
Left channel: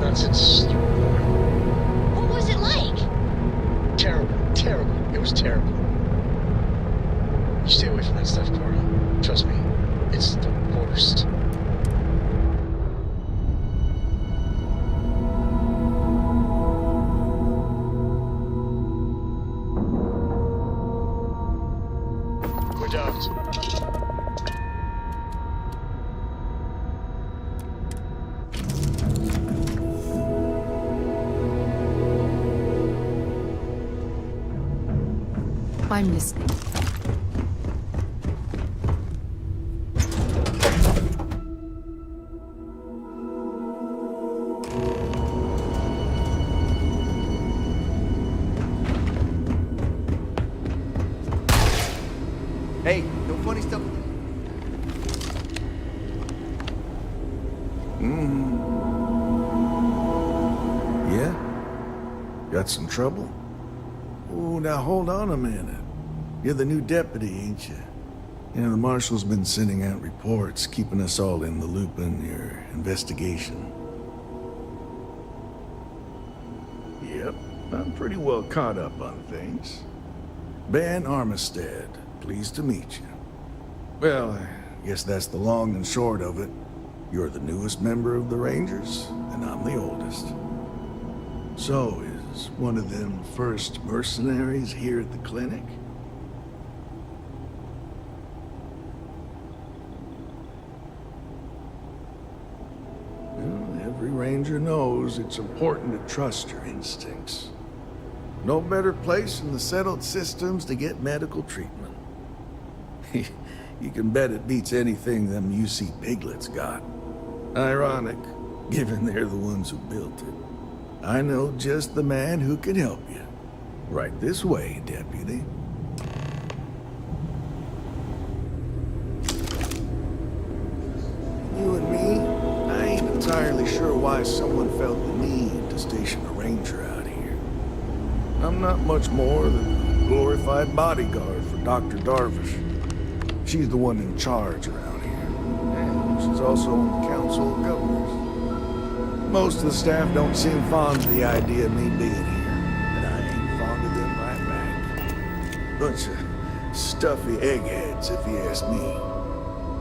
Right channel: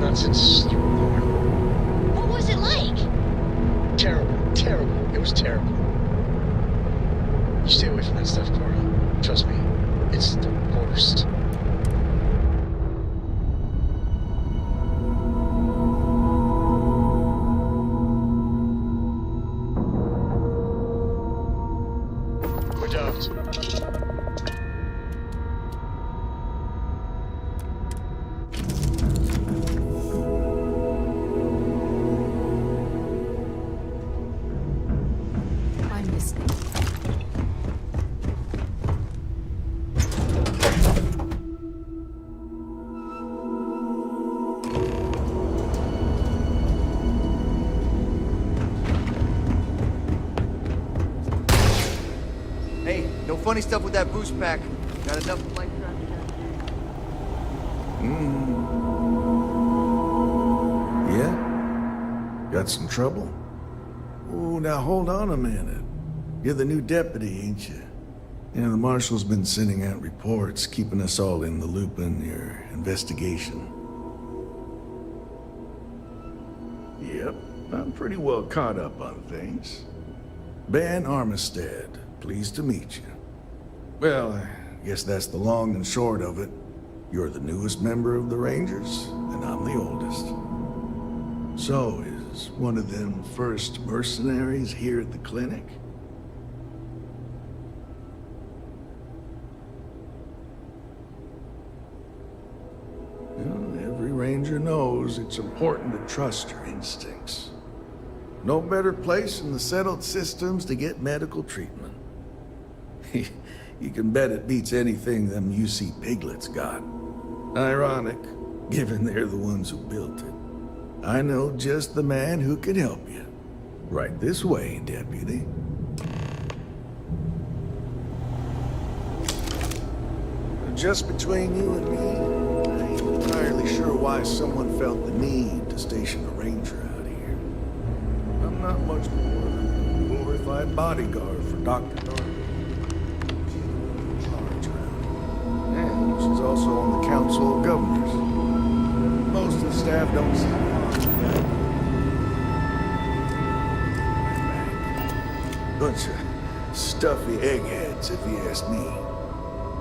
Not since you were born. What was it like? Terrible. It was terrible. You stay away from that stuff, Cora. Trust me, it's the worst. We're docked. I'm listening. Hey, no funny stuff with that boost pack. Got enough life Yeah? Got some trouble? Oh, now hold on a minute. You're the new deputy, ain't you? Yeah, the marshal's been sending out reports, keeping us all in the loop in your investigation. Yep, I'm pretty well caught up on things. Ben Armistead, pleased to meet you. Well, I guess that's the long and short of it. You're the newest member of the Rangers, and I'm the oldest. So, is one of them first mercenaries here at the clinic? Well, every Ranger knows it's important to trust your instincts. No better place in the settled systems to get medical treatment. You can bet it beats anything them UC piglets got. Ironic, given they're the ones who built it. I know just the man who can help you. Right this way, Deputy. Just between you and me, I ain't entirely sure why someone felt the need to station a ranger out here. I'm not much more than a glorified bodyguard for Dr. Darvish. She's the one in charge around here, and she's also on the Council of Governors. Most of the staff don't seem fond of the idea of me being here, and I ain't fond of them right back. Bunch of stuffy eggheads, if you ask me.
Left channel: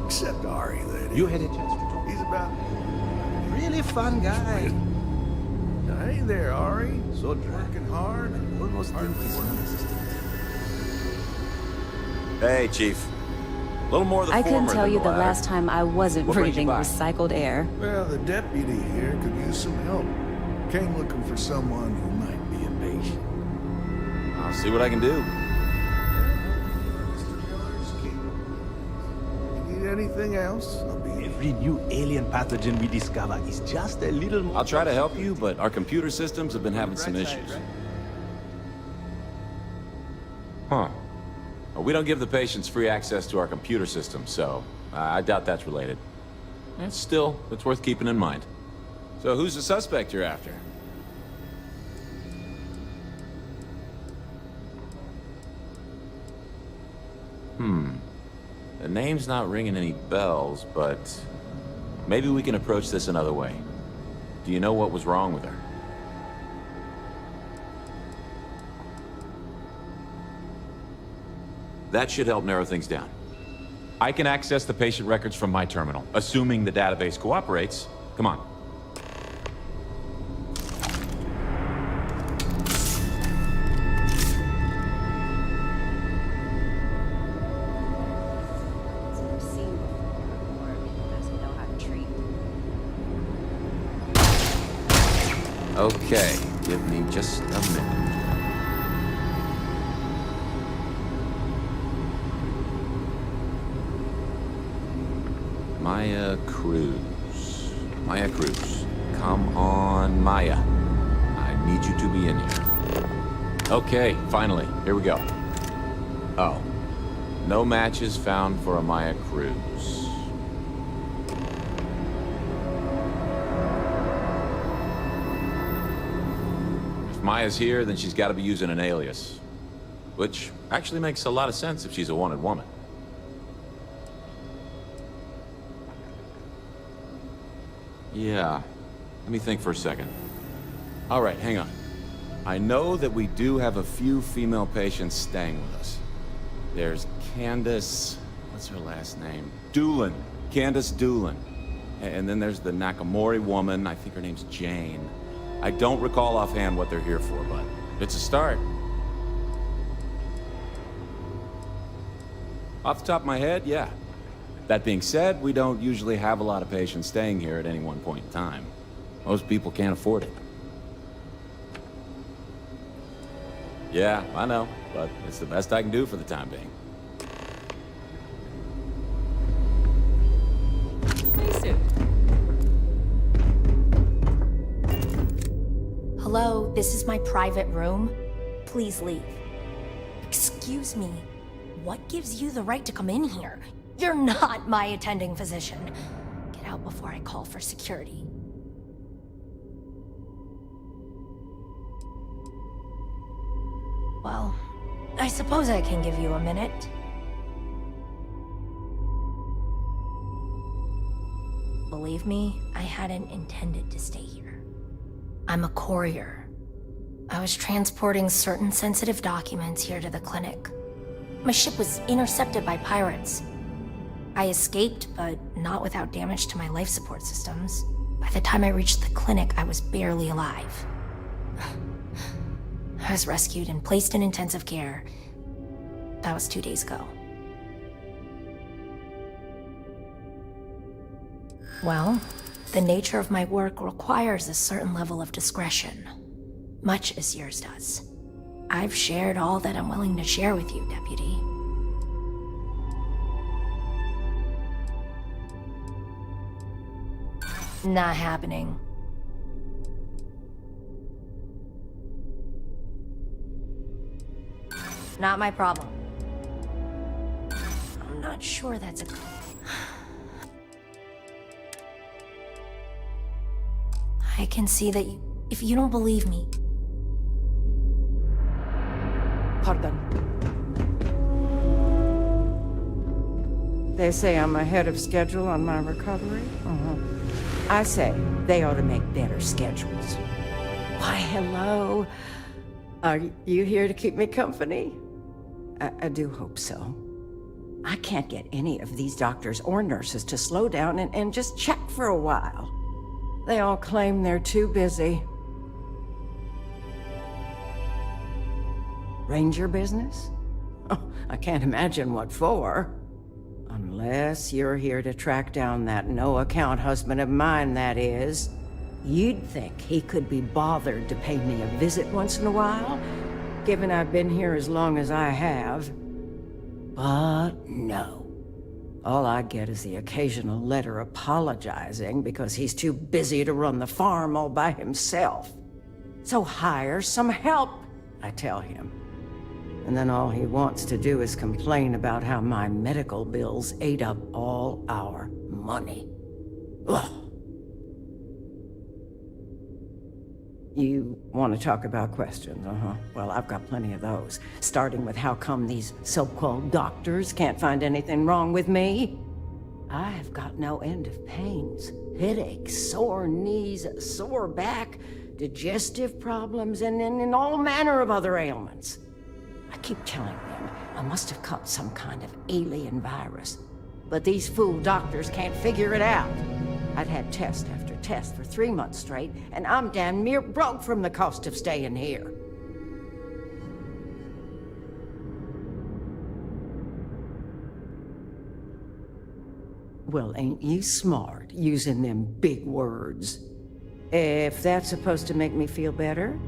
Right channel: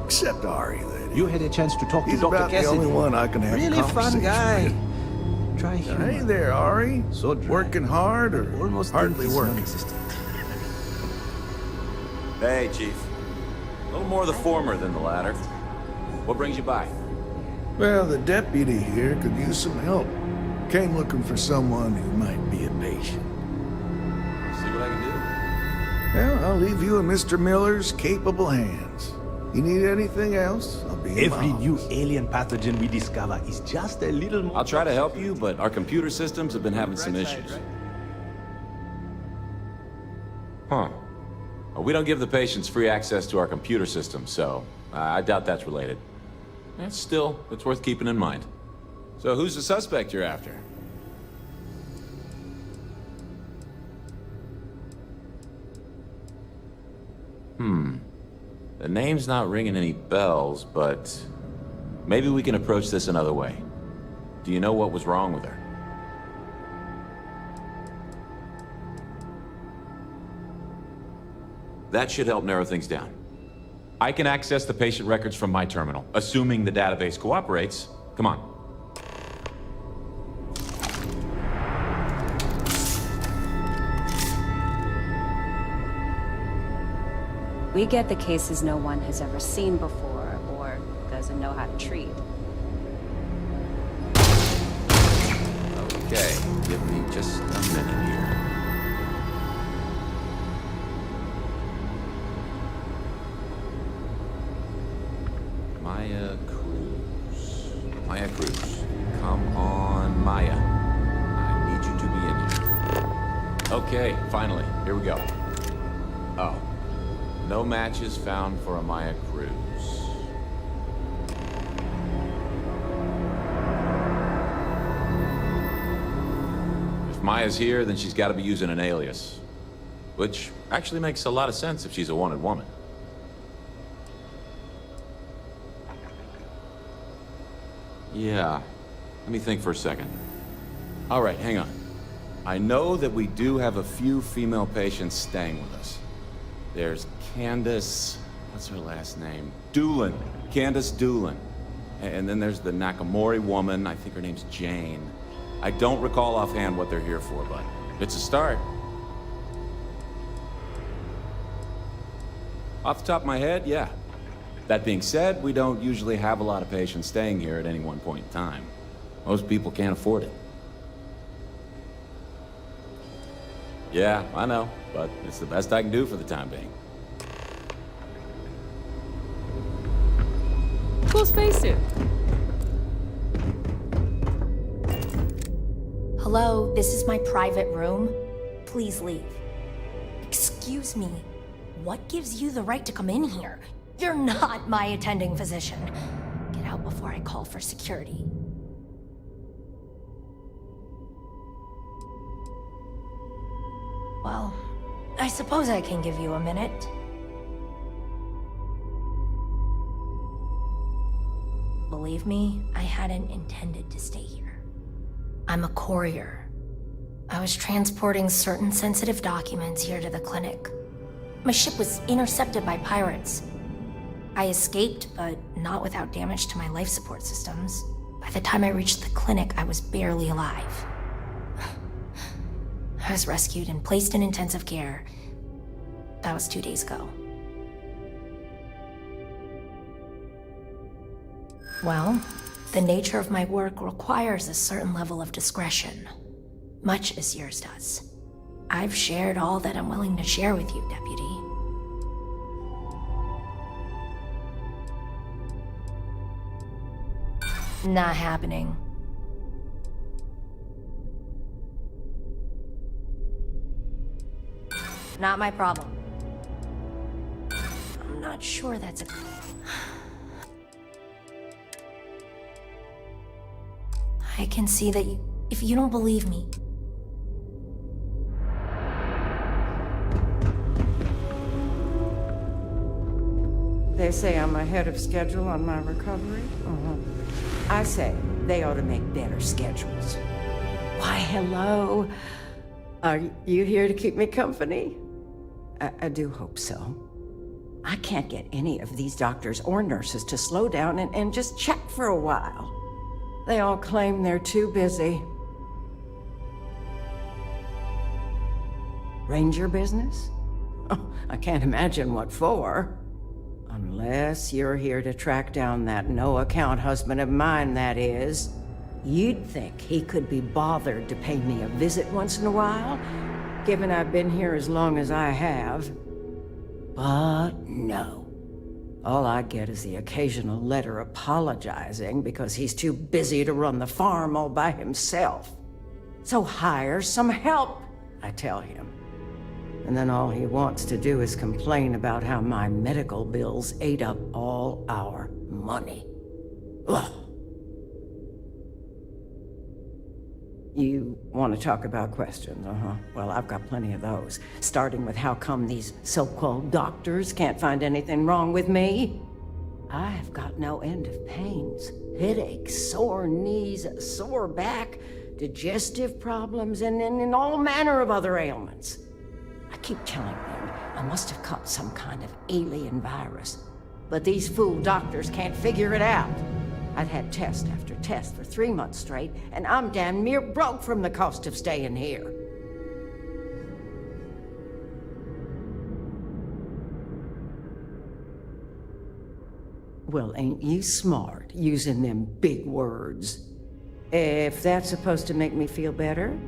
Except Ari, that is. You had a chance to talk He's to Dr. about Cassidy. the only one I can have Really fun guy. with. Try him. Hey there, Ari. So dry. Working hard or Almost hardly working? non-existent. Hey, Chief. A little more of the I former can tell than you the the latter. last time I wasn't What brings you breathing by? recycled air. Well, the deputy here could use some help. Came looking for someone who might be a patient. I'll see what I can do. Well, I'll leave you in Mr. Miller's capable hands. You need anything else, I'll be in Every my new alien pathogen we discover is just a little more... I'll try to help you, but our computer systems have been having some issues. Huh. Well, we don't give the patients free access to our computer system, so I doubt that's related. Still, it's worth keeping in mind. So who's the suspect you're after? The name's not ringing any bells, but maybe we can approach this another way. Do you know what was wrong with her? That should help narrow things down. I can access the patient records from my terminal, assuming the database cooperates. Come on. We get the cases no one has ever seen before or doesn't know how to treat. Okay, give me just a minute here. Maya Cruz. Maya Cruz. Come on, Maya. I need you to be in here. Okay, finally. Here we go. Oh. No matches found for a Maya Cruz. If Maya's here, then she's got to be using an alias. Which actually makes a lot of sense if she's a wanted woman. Yeah. Let me think for a second. All right, hang on. I know that we do have a few female patients staying with us. There's Candace... what's her last name? Doolin. Candace Doolin. And then there's the Nakamori woman. I think her name's Jane. I don't recall offhand what they're here for, but it's a start. Off the top of my head, yeah. That being said, we don't usually have a lot of patients staying here at any one point in time. Most people can't afford it. Yeah, I know, but it's the best I can do for the time being. Cool spacesuit. Hello, this is my private room. Please leave. Excuse me. What gives you the right to come in here? You're not my attending physician. Get out before I call for security. Well, I suppose I can give you a minute. Believe me, I hadn't intended to stay here. I'm a courier. I was transporting certain sensitive documents here to the clinic. My ship was intercepted by pirates. I escaped, but not without damage to my life support systems. By the time I reached the clinic, I was barely alive. I was rescued and placed in intensive care. That was 2 days ago. Well, the nature of my work requires a certain level of discretion, much as yours does. I've shared all that I'm willing to share with you, Deputy. Not happening. Not my problem. I'm not sure that's a... I can see that you... If you don't believe me... Pardon. They say I'm ahead of schedule on my recovery? I say they ought to make better schedules. Why, hello. Are you here to keep me company? I do hope so. I can't get any of these doctors or nurses to slow down and just check for a while. They all claim they're too busy. Ranger business? Oh, I can't imagine what for. Unless you're here to track down that no-account husband of mine, that is. You'd think he could be bothered to pay me a visit once in a while, given I've been here as long as I have. But no. All I get is the occasional letter apologizing because he's too busy to run the farm all by himself. So hire some help, I tell him. And then all he wants to do is complain about how my medical bills ate up all our money. Ugh. You want to talk about questions, Well, I've got plenty of those. Starting with how come these so-called doctors can't find anything wrong with me? I've got no end of pains. Headaches, sore knees, sore back, digestive problems, and all manner of other ailments. I keep telling them I must have caught some kind of alien virus. But these fool doctors can't figure it out. I've had test after test for 3 months straight, and I'm damn near broke from the cost of staying here. Well, ain't you smart, using them big words? If that's supposed to make me feel better,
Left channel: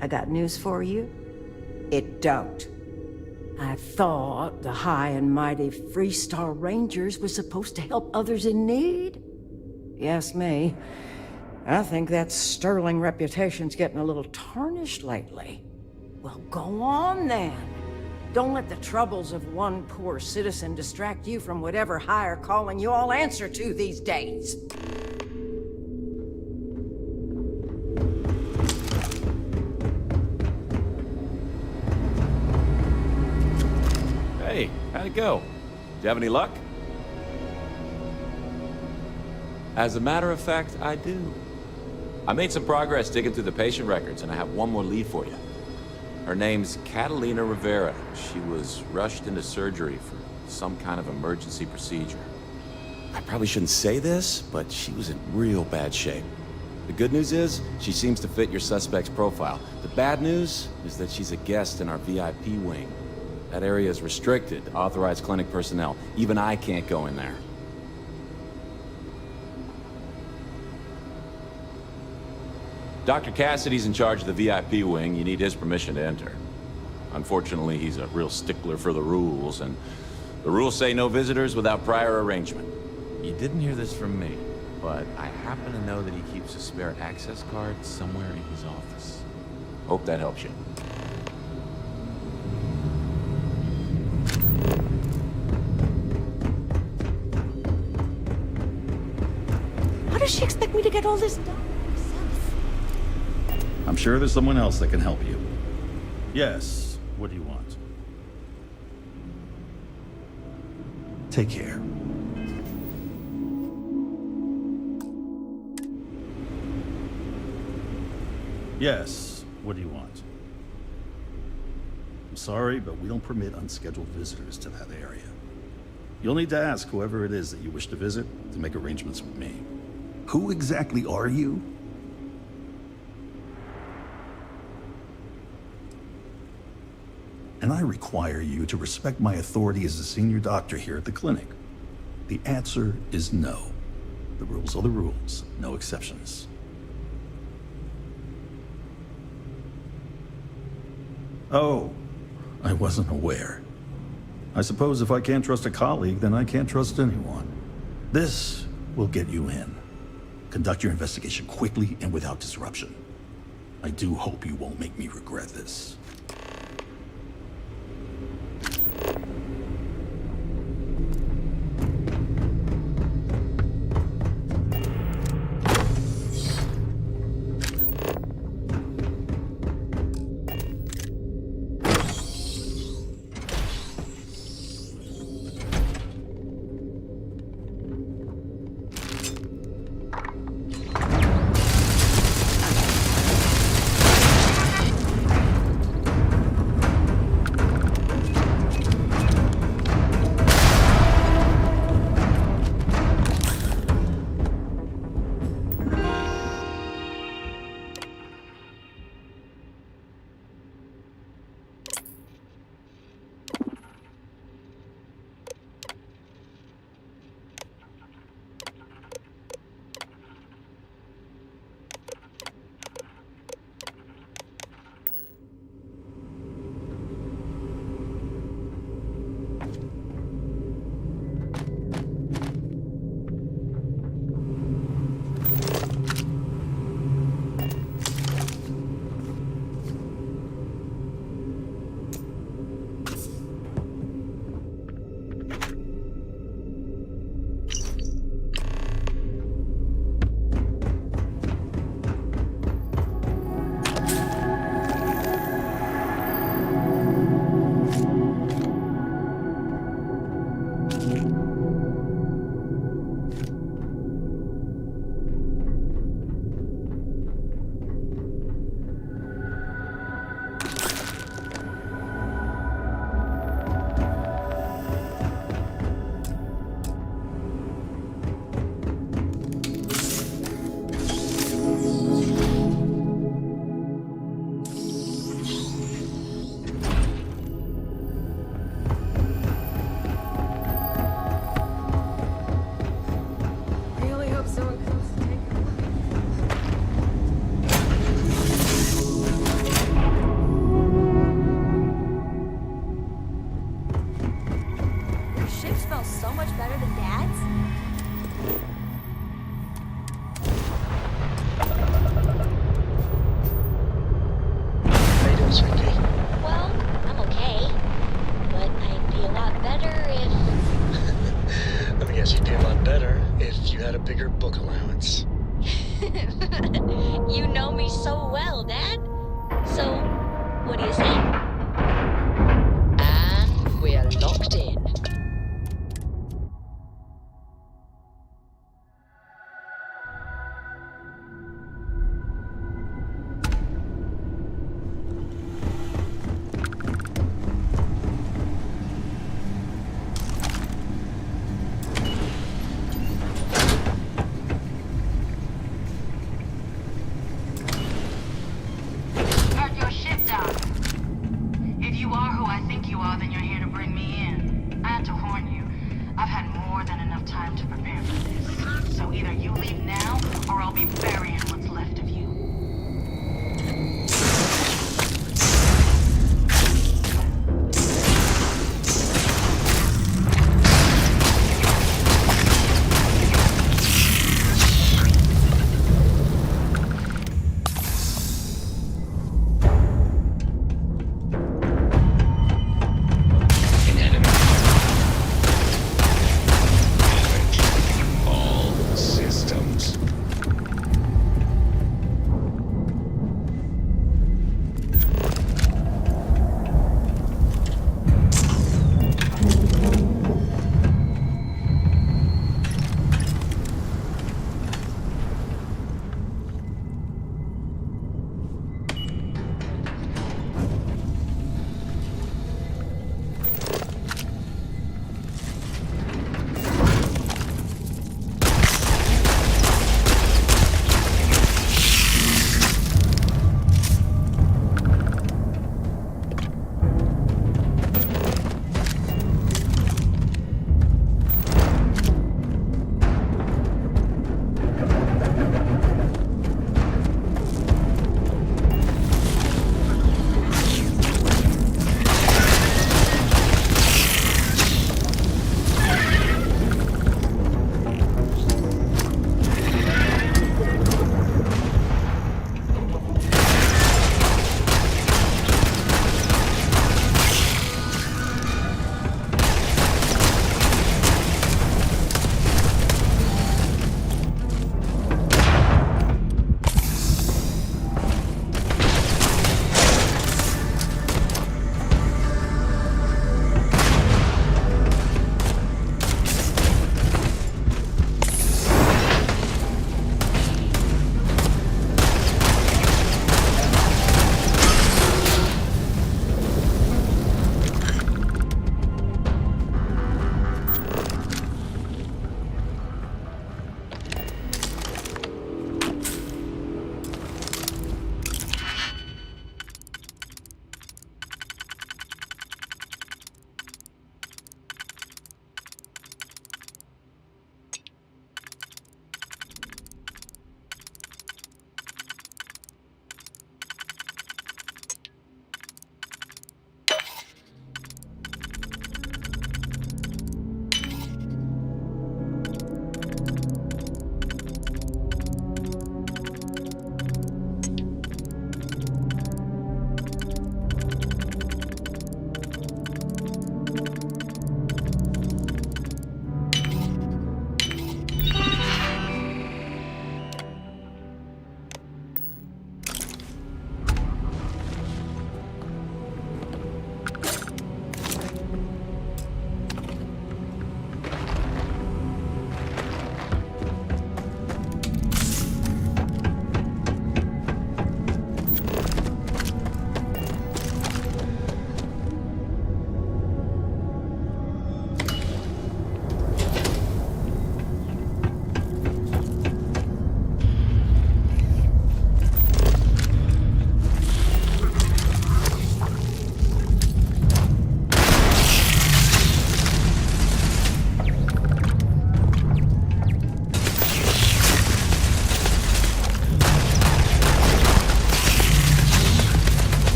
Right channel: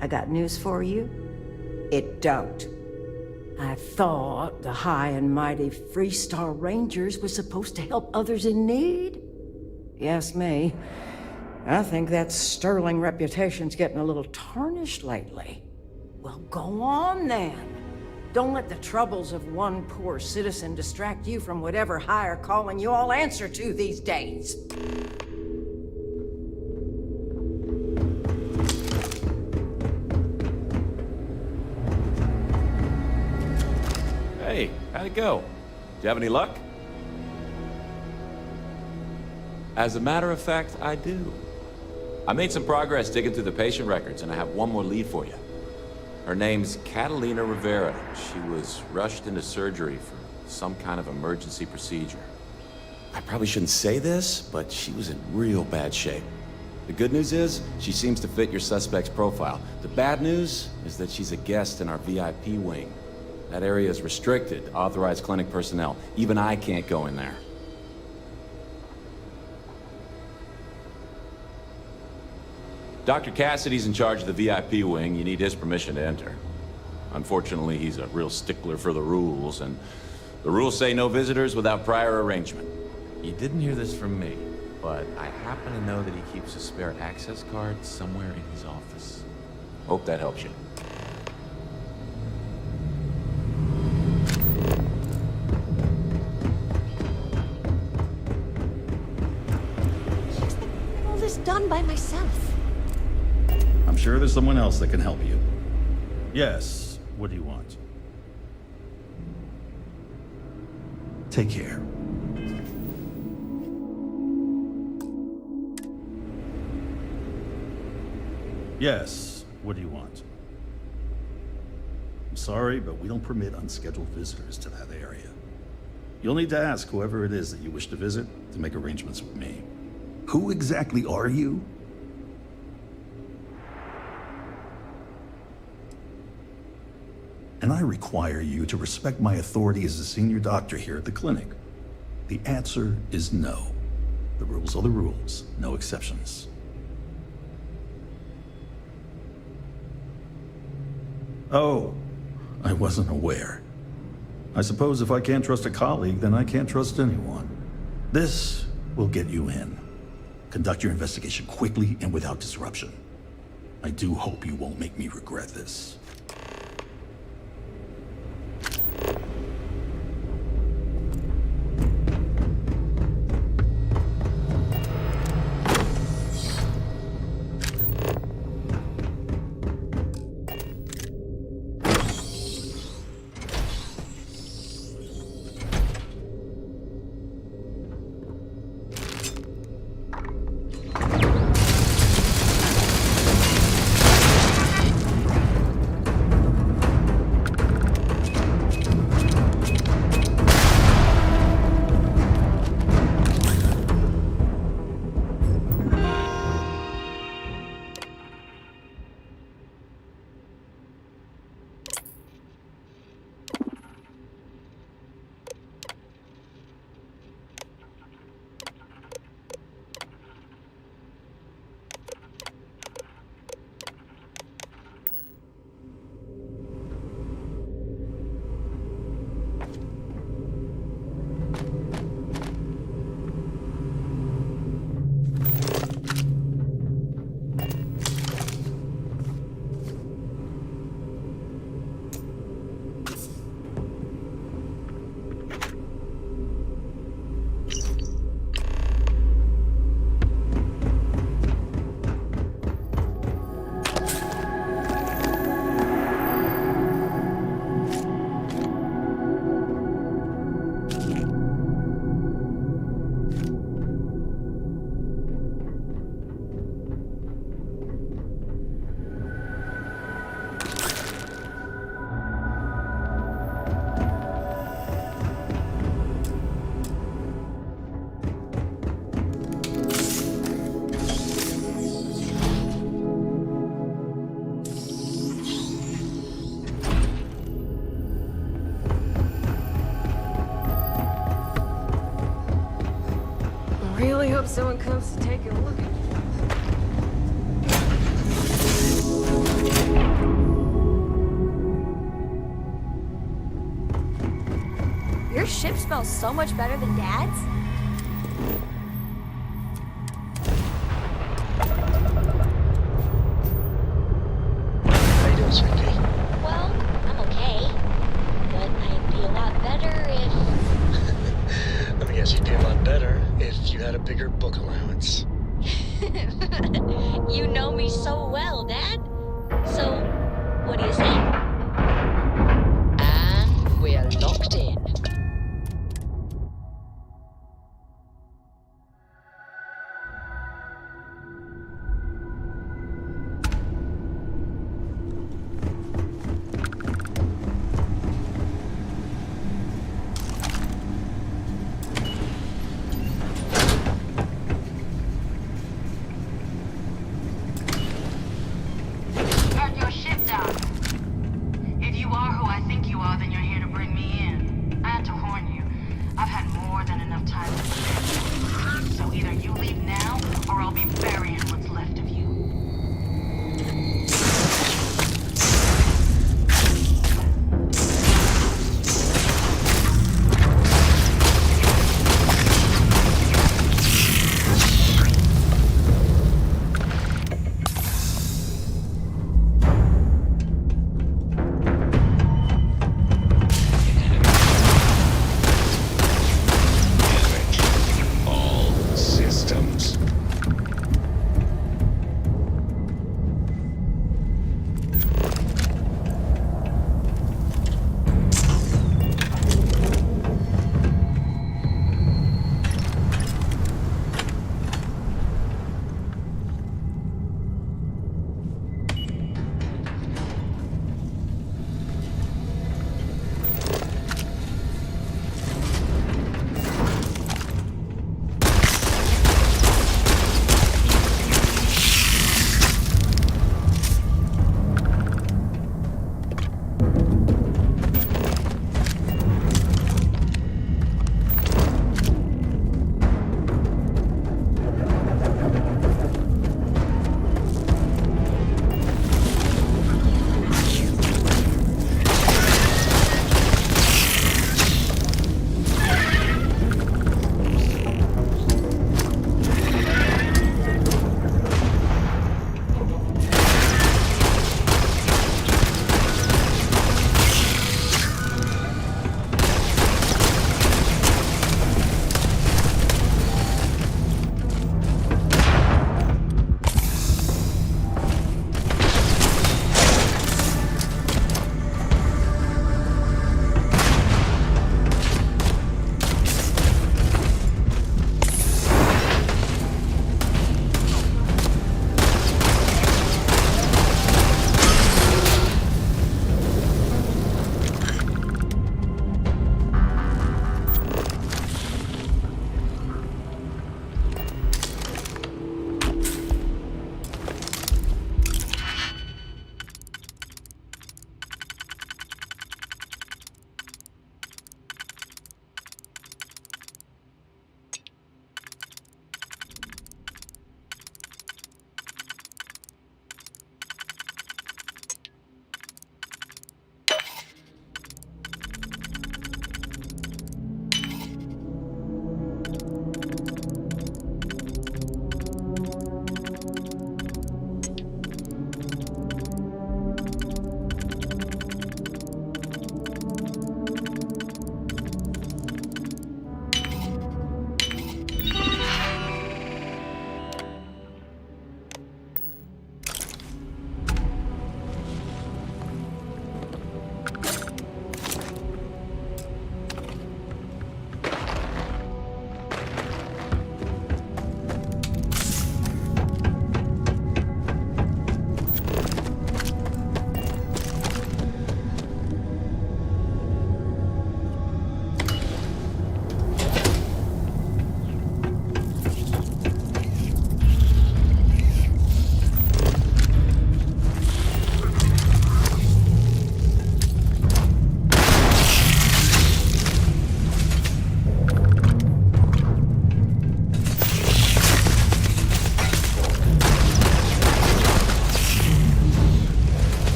I got news for you. It don't. I thought the high and mighty Freestar Rangers were supposed to help others in need. Yes, me. I think that sterling reputation's getting a little tarnished lately. Well, go on then. Don't let the troubles of one poor citizen distract you from whatever higher calling you all answer to these days. Hey, how'd it go? Did you have any luck? As a matter of fact, I do. I made some progress digging through the patient records, and I have one more lead for you. Her name's Catalina Rivera. She was rushed into surgery for some kind of emergency procedure. I probably shouldn't say this, but she was in real bad shape. The good news is, she seems to fit your suspect's profile. The bad news is that she's a guest in our VIP wing. That area is restricted to authorized clinic personnel. Even I can't go in there. Dr. Cassidy's in charge of the VIP wing. You need his permission to enter. Unfortunately, he's a real stickler for the rules, and the rules say no visitors without prior arrangement. You didn't hear this from me, but I happen to know that he keeps a spare access card somewhere in his office. Hope that helps you. How does she expect me to get all this done by myself? I'm sure there's someone else that can help you. Yes, what do you want? Take care. Yes, What do you want? I'm sorry, but we don't permit unscheduled visitors to that area. You'll need to ask whoever it is that you wish to visit to make arrangements with me. Who exactly are you? And I require you to respect my authority as a senior doctor here at the clinic. The answer is no. The rules are the rules, no exceptions. Oh, I wasn't aware. I suppose if I can't trust a colleague, then I can't trust anyone. This will get you in. Conduct your investigation quickly and without disruption. I do hope you won't make me regret this. Really hope someone comes to take a look at Your ship smells so much better than Dad's. How you doing, sweetie? Well, I'm okay. But I'd be a lot better if... Let me guess, you'd be a lot better if you had a bigger book allowance. You know me so well, Dad. So, what do you say? And we're locked in. Mark your ship down.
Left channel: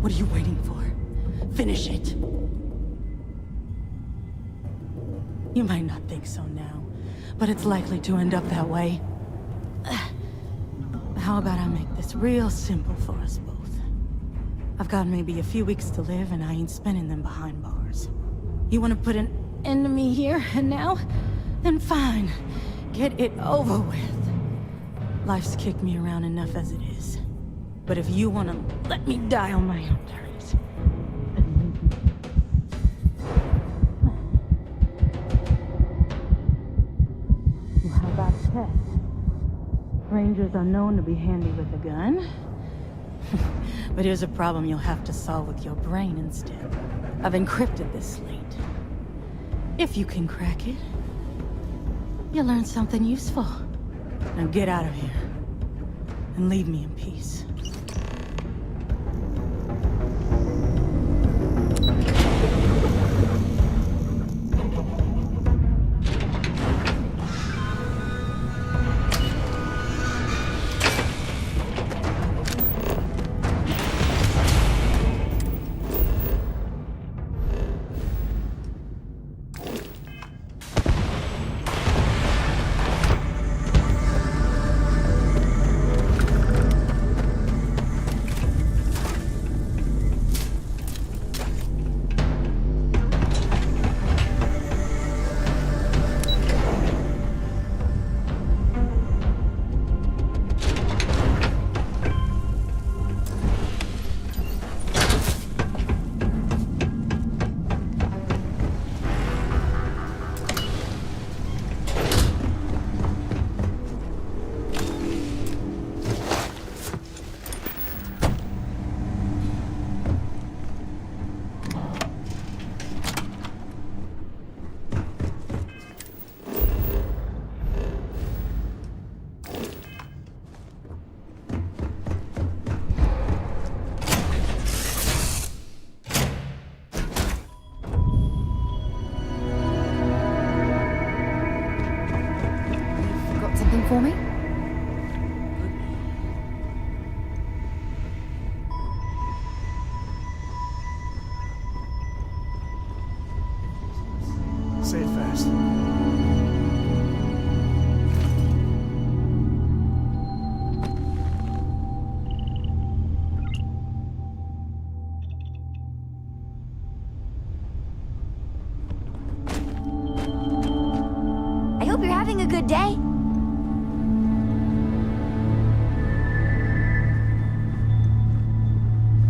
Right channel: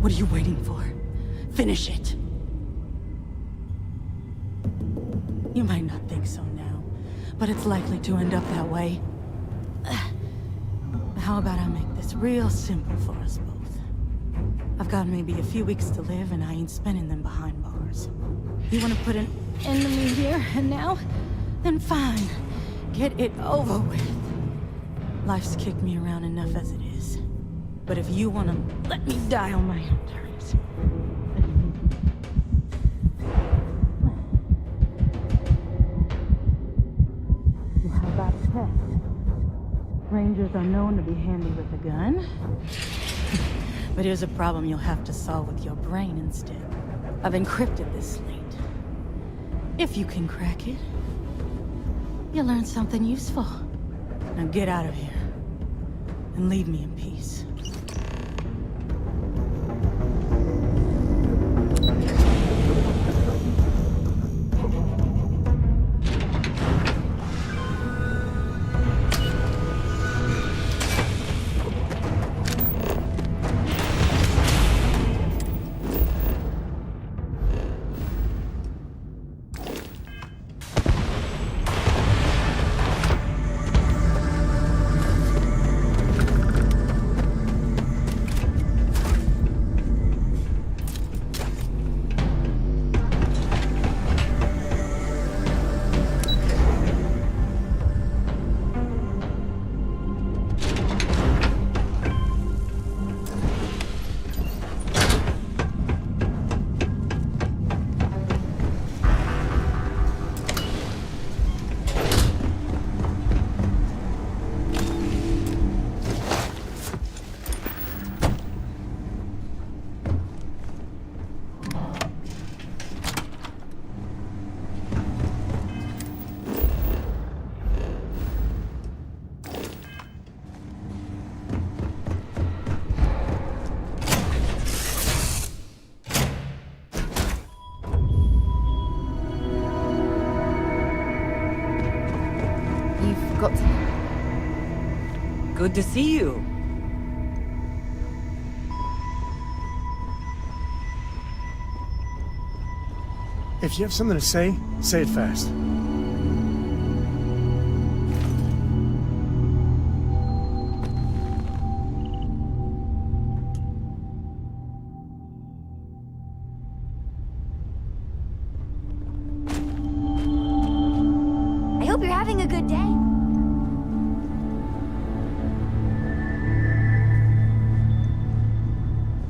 What are you waiting for? Finish it. You might not think so now, but it's likely to end up that way. How about I make this real simple for us both? I've got maybe a few weeks to live, and I ain't spending them behind bars. You want to put an end to me here and now? Then fine. Get it over with. Life's kicked me around enough as it is. But if you want to let me die on my own terms, then maybe. Well, how about a test? Rangers are known to be handy with a gun. But here's a problem you'll have to solve with your brain instead. I've encrypted this slate. If you can crack it, you'll learn something useful. Now get out of here, and leave me in peace. Got something for me? Good to see you. If you have something to say it fast. I hope you're having a good day.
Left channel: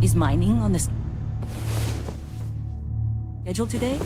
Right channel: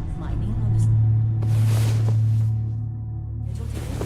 Is mining on the schedule today?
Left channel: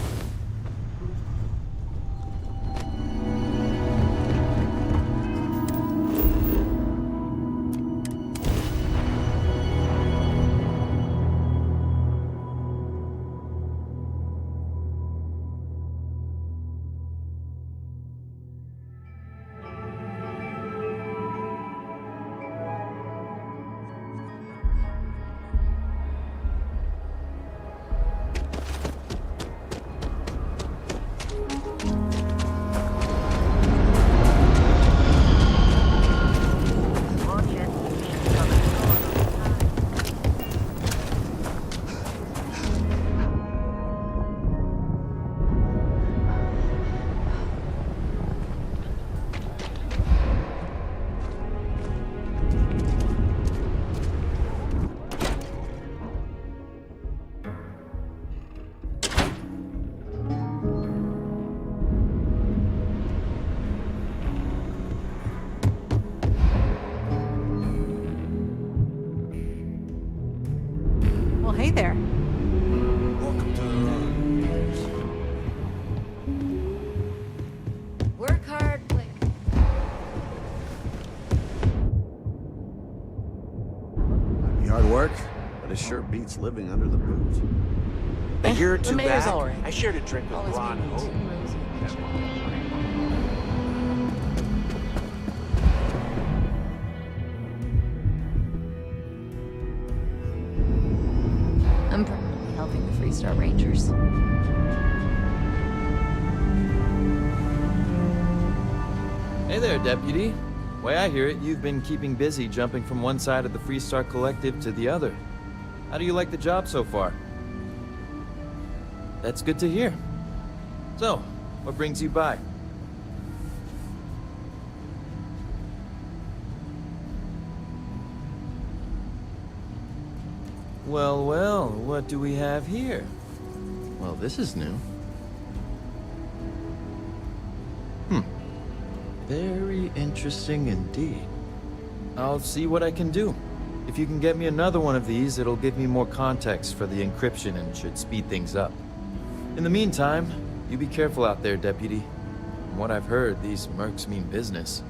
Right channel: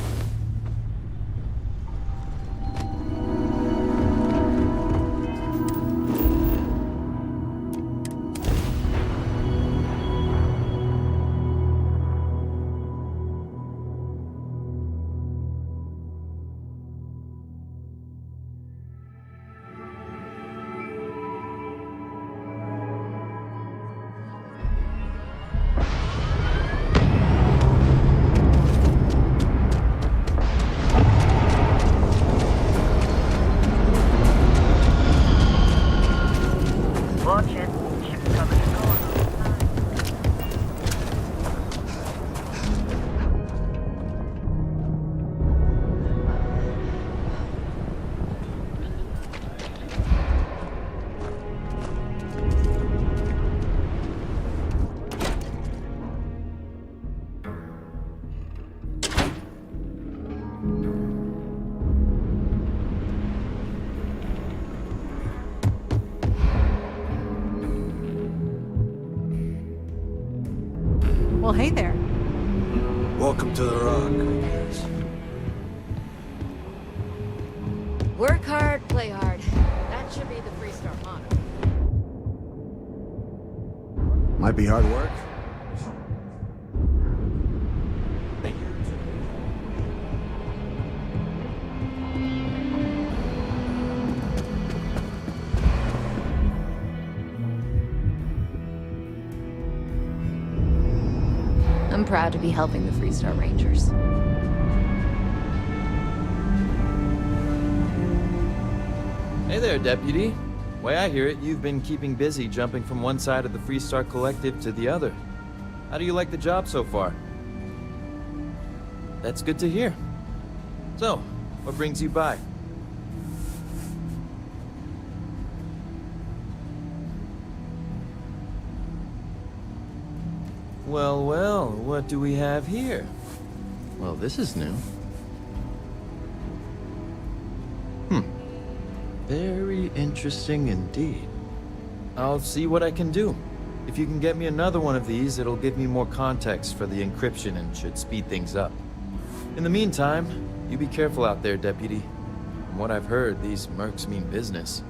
Well, hey there. Welcome to the Rock. Work hard, play hard. That should be the three-star motto. Might be hard work, but it sure beats living under the bridge. A year or two mayor's back, all right. I shared a drink with Ron. I'm proud to be helping the Freestar Rangers. Hey there, Deputy. Way I hear it, you've been keeping busy jumping from one side of the Freestar Collective to the other. How do you like the job so far? That's good to hear. So, what brings you by? Well, well, what do we have here? Well, this is new. Very interesting indeed. I'll see what I can do. If you can get me another one of these, it'll give me more context for the encryption and should speed things up. In the meantime, you be careful out there, Deputy. From what I've heard, these mercs mean business.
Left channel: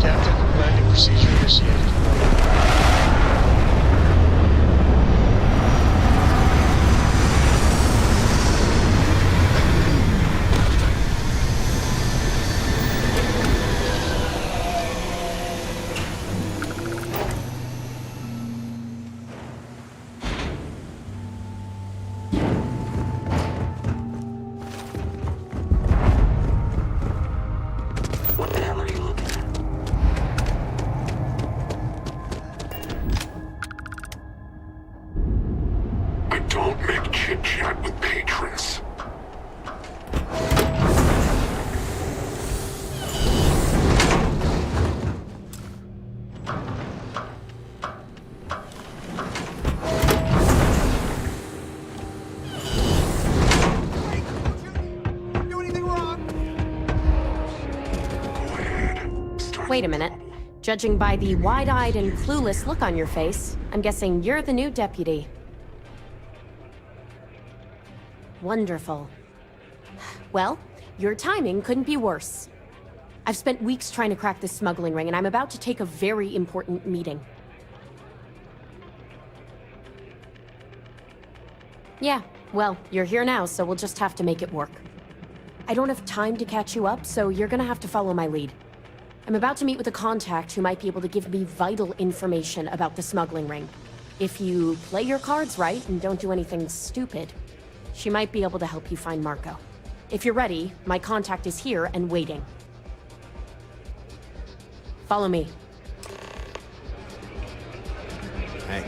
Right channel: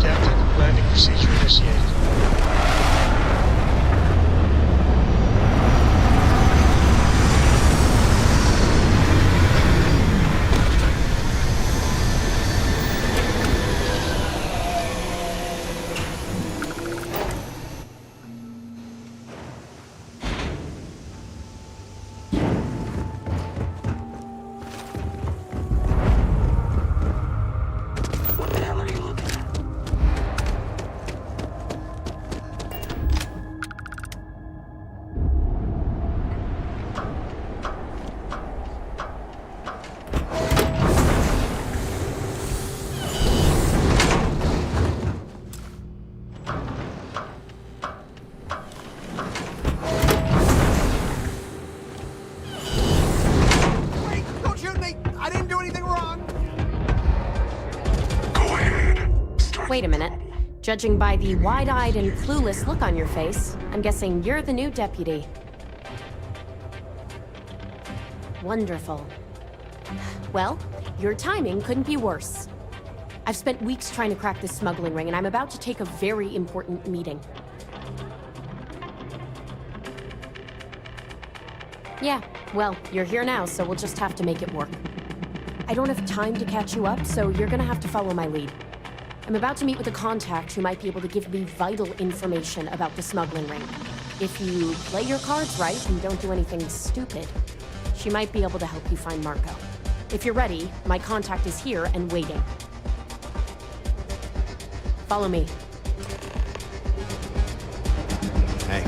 Captain, landing procedure initiated. What the hell are you looking at? I don't make chit-chat with patrons. Wait, don't shoot me! I didn't do anything wrong! Go ahead. Wait a minute. Judging by the wide-eyed and clueless look on your face, I'm guessing you're the new deputy. Wonderful. Well, your timing couldn't be worse. I've spent weeks trying to crack this smuggling ring, and I'm about to take a very important meeting. Yeah, well, you're here now, so we'll just have to make it work. I don't have time to catch you up, so you're gonna have to follow my lead. I'm about to meet with a contact who might be able to give me vital information about the smuggling ring. If you play your cards right and don't do anything stupid, she might be able to help you find Marco. If you're ready, my contact is here and waiting. Follow me. Hey.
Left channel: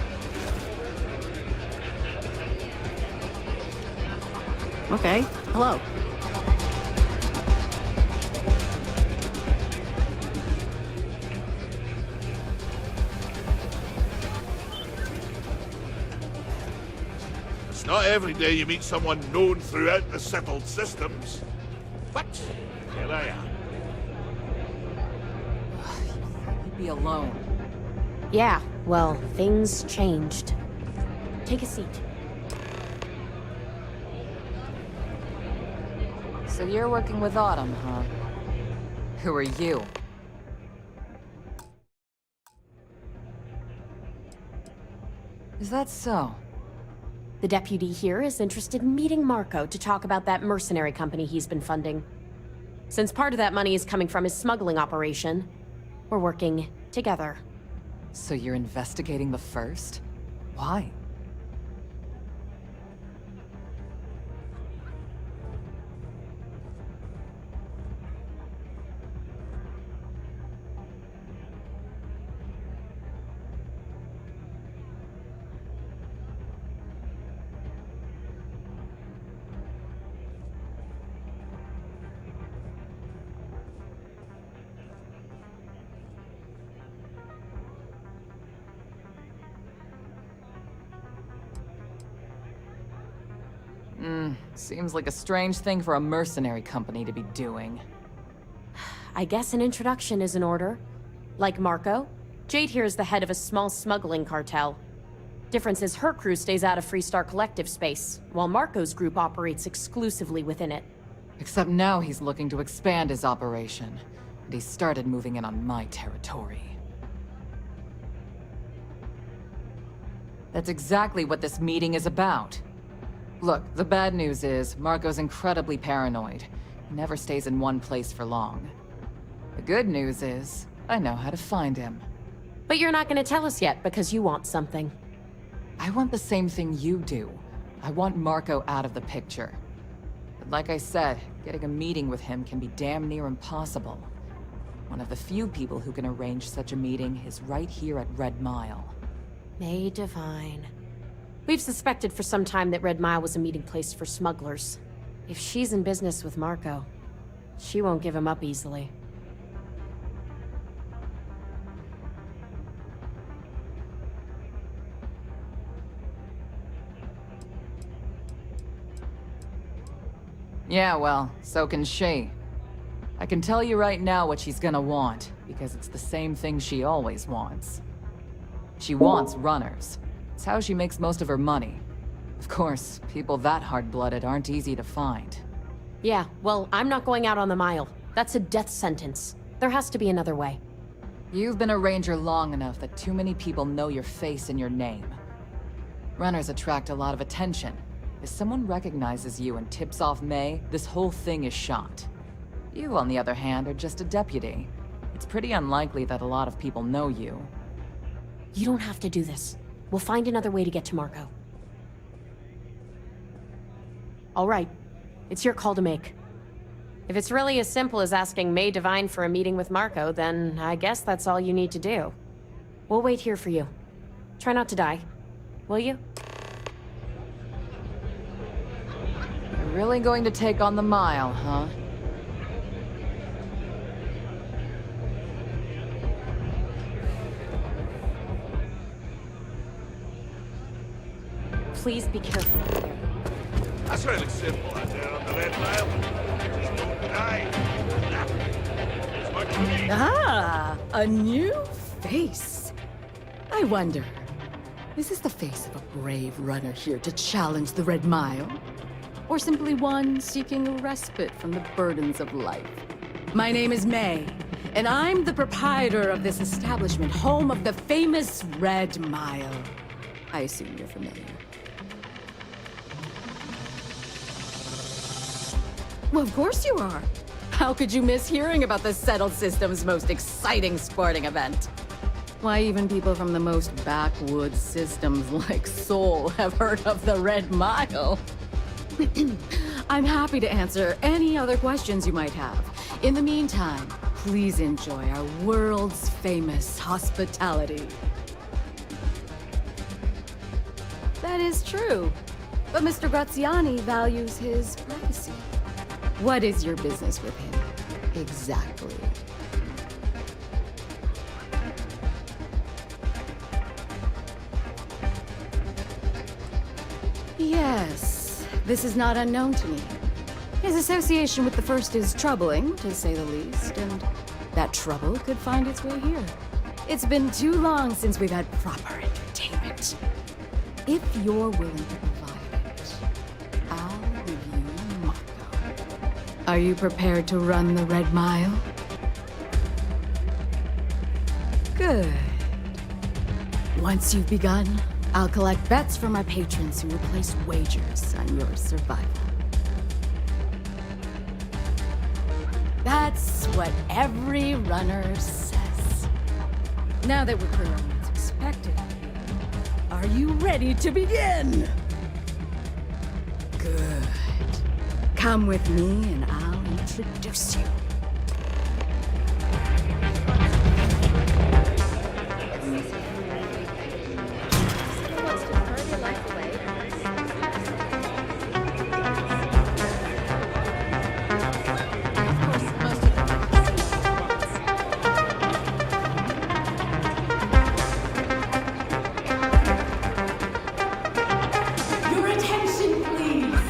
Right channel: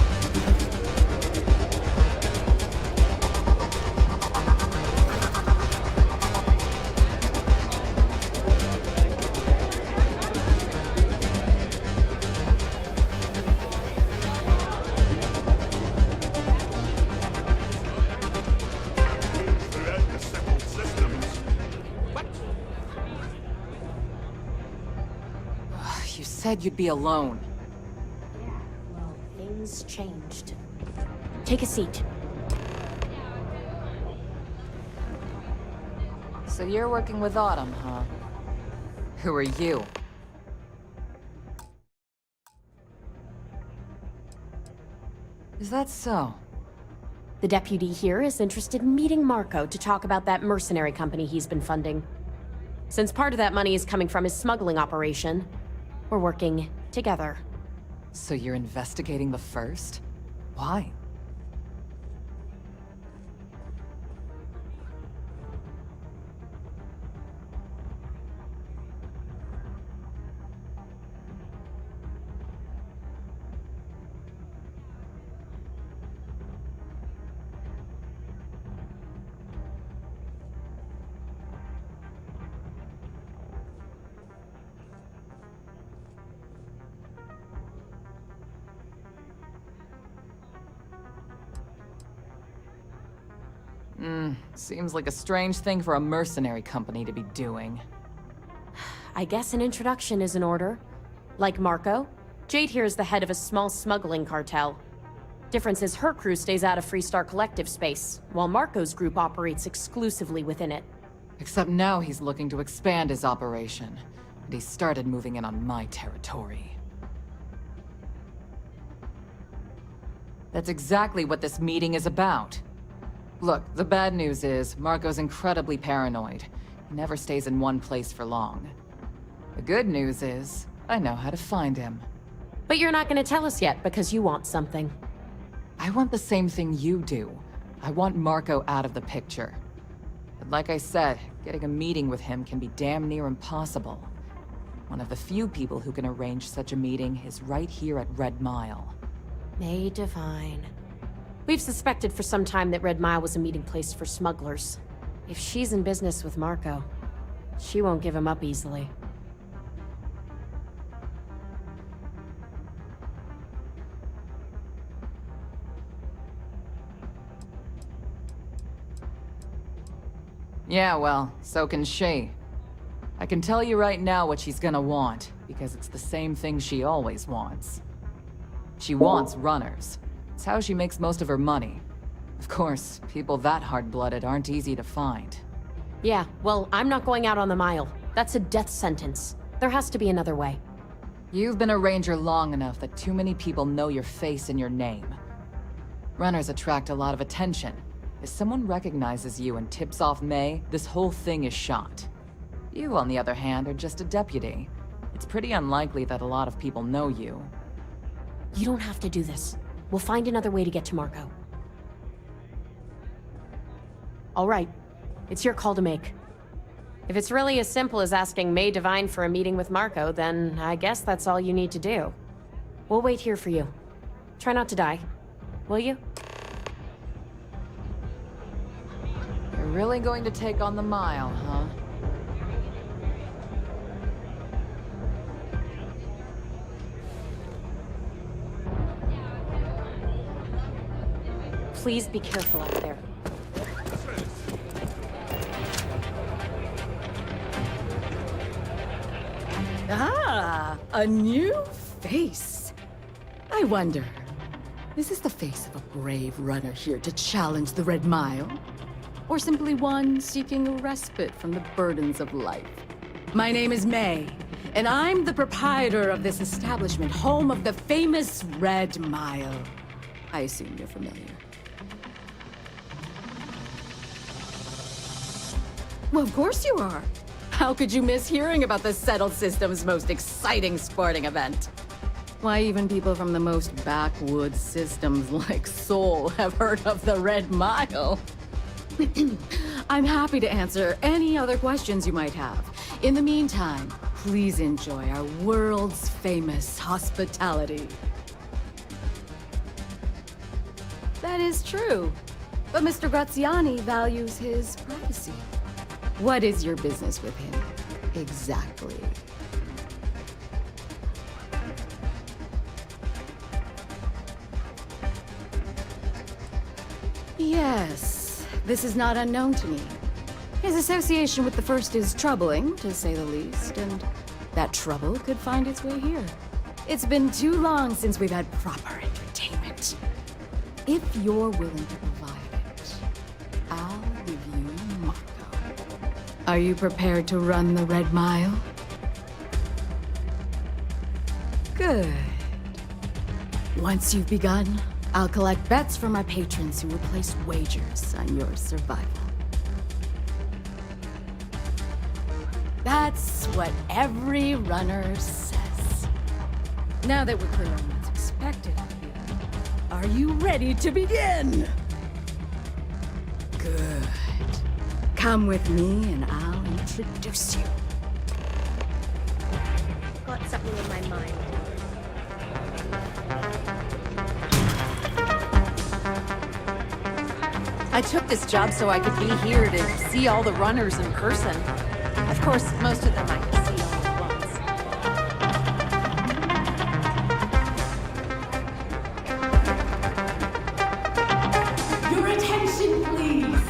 Okay, hello. It's not every day you meet someone known throughout the settled systems. What? Here I am. You said you'd be alone. Yeah, well, things changed. Take a seat. So you're working with Autumn, huh? Who are you? Is that so? The deputy here is interested in meeting Marco to talk about that mercenary company he's been funding. Since part of that money is coming from his smuggling operation, we're working together. So you're investigating the first? Why? Seems like a strange thing for a mercenary company to be doing. I guess an introduction is in order. Like Marco, Jade here is the head of a small smuggling cartel. Difference is her crew stays out of Freestar Collective space, while Marco's group operates exclusively within it. Except now he's looking to expand his operation, and he started moving in on my territory. That's exactly what this meeting is about. Look, the bad news is, Marco's incredibly paranoid. He never stays in one place for long. The good news is, I know how to find him. But you're not going to tell us yet, because you want something. I want the same thing you do. I want Marco out of the picture. But like I said, getting a meeting with him can be damn near impossible. One of the few people who can arrange such a meeting is right here at Red Mile. May Divine. We've suspected for some time that Red Mile was a meeting place for smugglers. If she's in business with Marco, she won't give him up easily. Yeah, well, so can she. I can tell you right now what she's gonna want, because it's the same thing she always wants. She wants runners. It's how she makes most of her money. Of course, people that hard-blooded aren't easy to find. Yeah, well, I'm not going out on the mile. That's a death sentence. There has to be another way. You've been a ranger long enough that too many people know your face and your name. Runners attract a lot of attention. If someone recognizes you and tips off May, this whole thing is shot. You, on the other hand, are just a deputy. It's pretty unlikely that a lot of people know you. You don't have to do this. We'll find another way to get to Marco. All right. It's your call to make. If it's really as simple as asking May Divine for a meeting with Marco, then I guess that's all you need to do. We'll wait here for you. Try not to die. Will you? You're really going to take on the mile, huh? Please be careful out there. That's really simple, I do, on the red mile. Ah, a new face. I wonder, is this the face of a brave runner here to challenge the Red Mile? Or simply one seeking a respite from the burdens of life? My name is May, and I'm the proprietor of this establishment, home of the famous Red Mile. I assume you're familiar. Well, of course you are. How could you miss hearing about the Settled System's most exciting sporting event? Why, even people from the most backwoods systems like Sol have heard of the Red Mile. I'm happy to answer any other questions you might have. In the meantime, please enjoy our world's famous hospitality. That is true, but Mr. Graziani values his privacy. What is your business with him, exactly? Yes, this is not unknown to me. His association with the First is troubling, to say the least, and that trouble could find its way here. It's been too long since we've had proper entertainment. If you're willing to provide it, I'll give you Marco. Are you prepared to run the Red Mile? Good. Once you've begun, I'll collect bets from my patrons who will place wagers on your survival. That's what every runner says. Now that we're clear on what's expected of you, are you ready to begin? Good. Come with me and I'll introduce you. I took this job so I could be here to see all the runners in person. Of course, most of them I can see all at once. Your attention, please.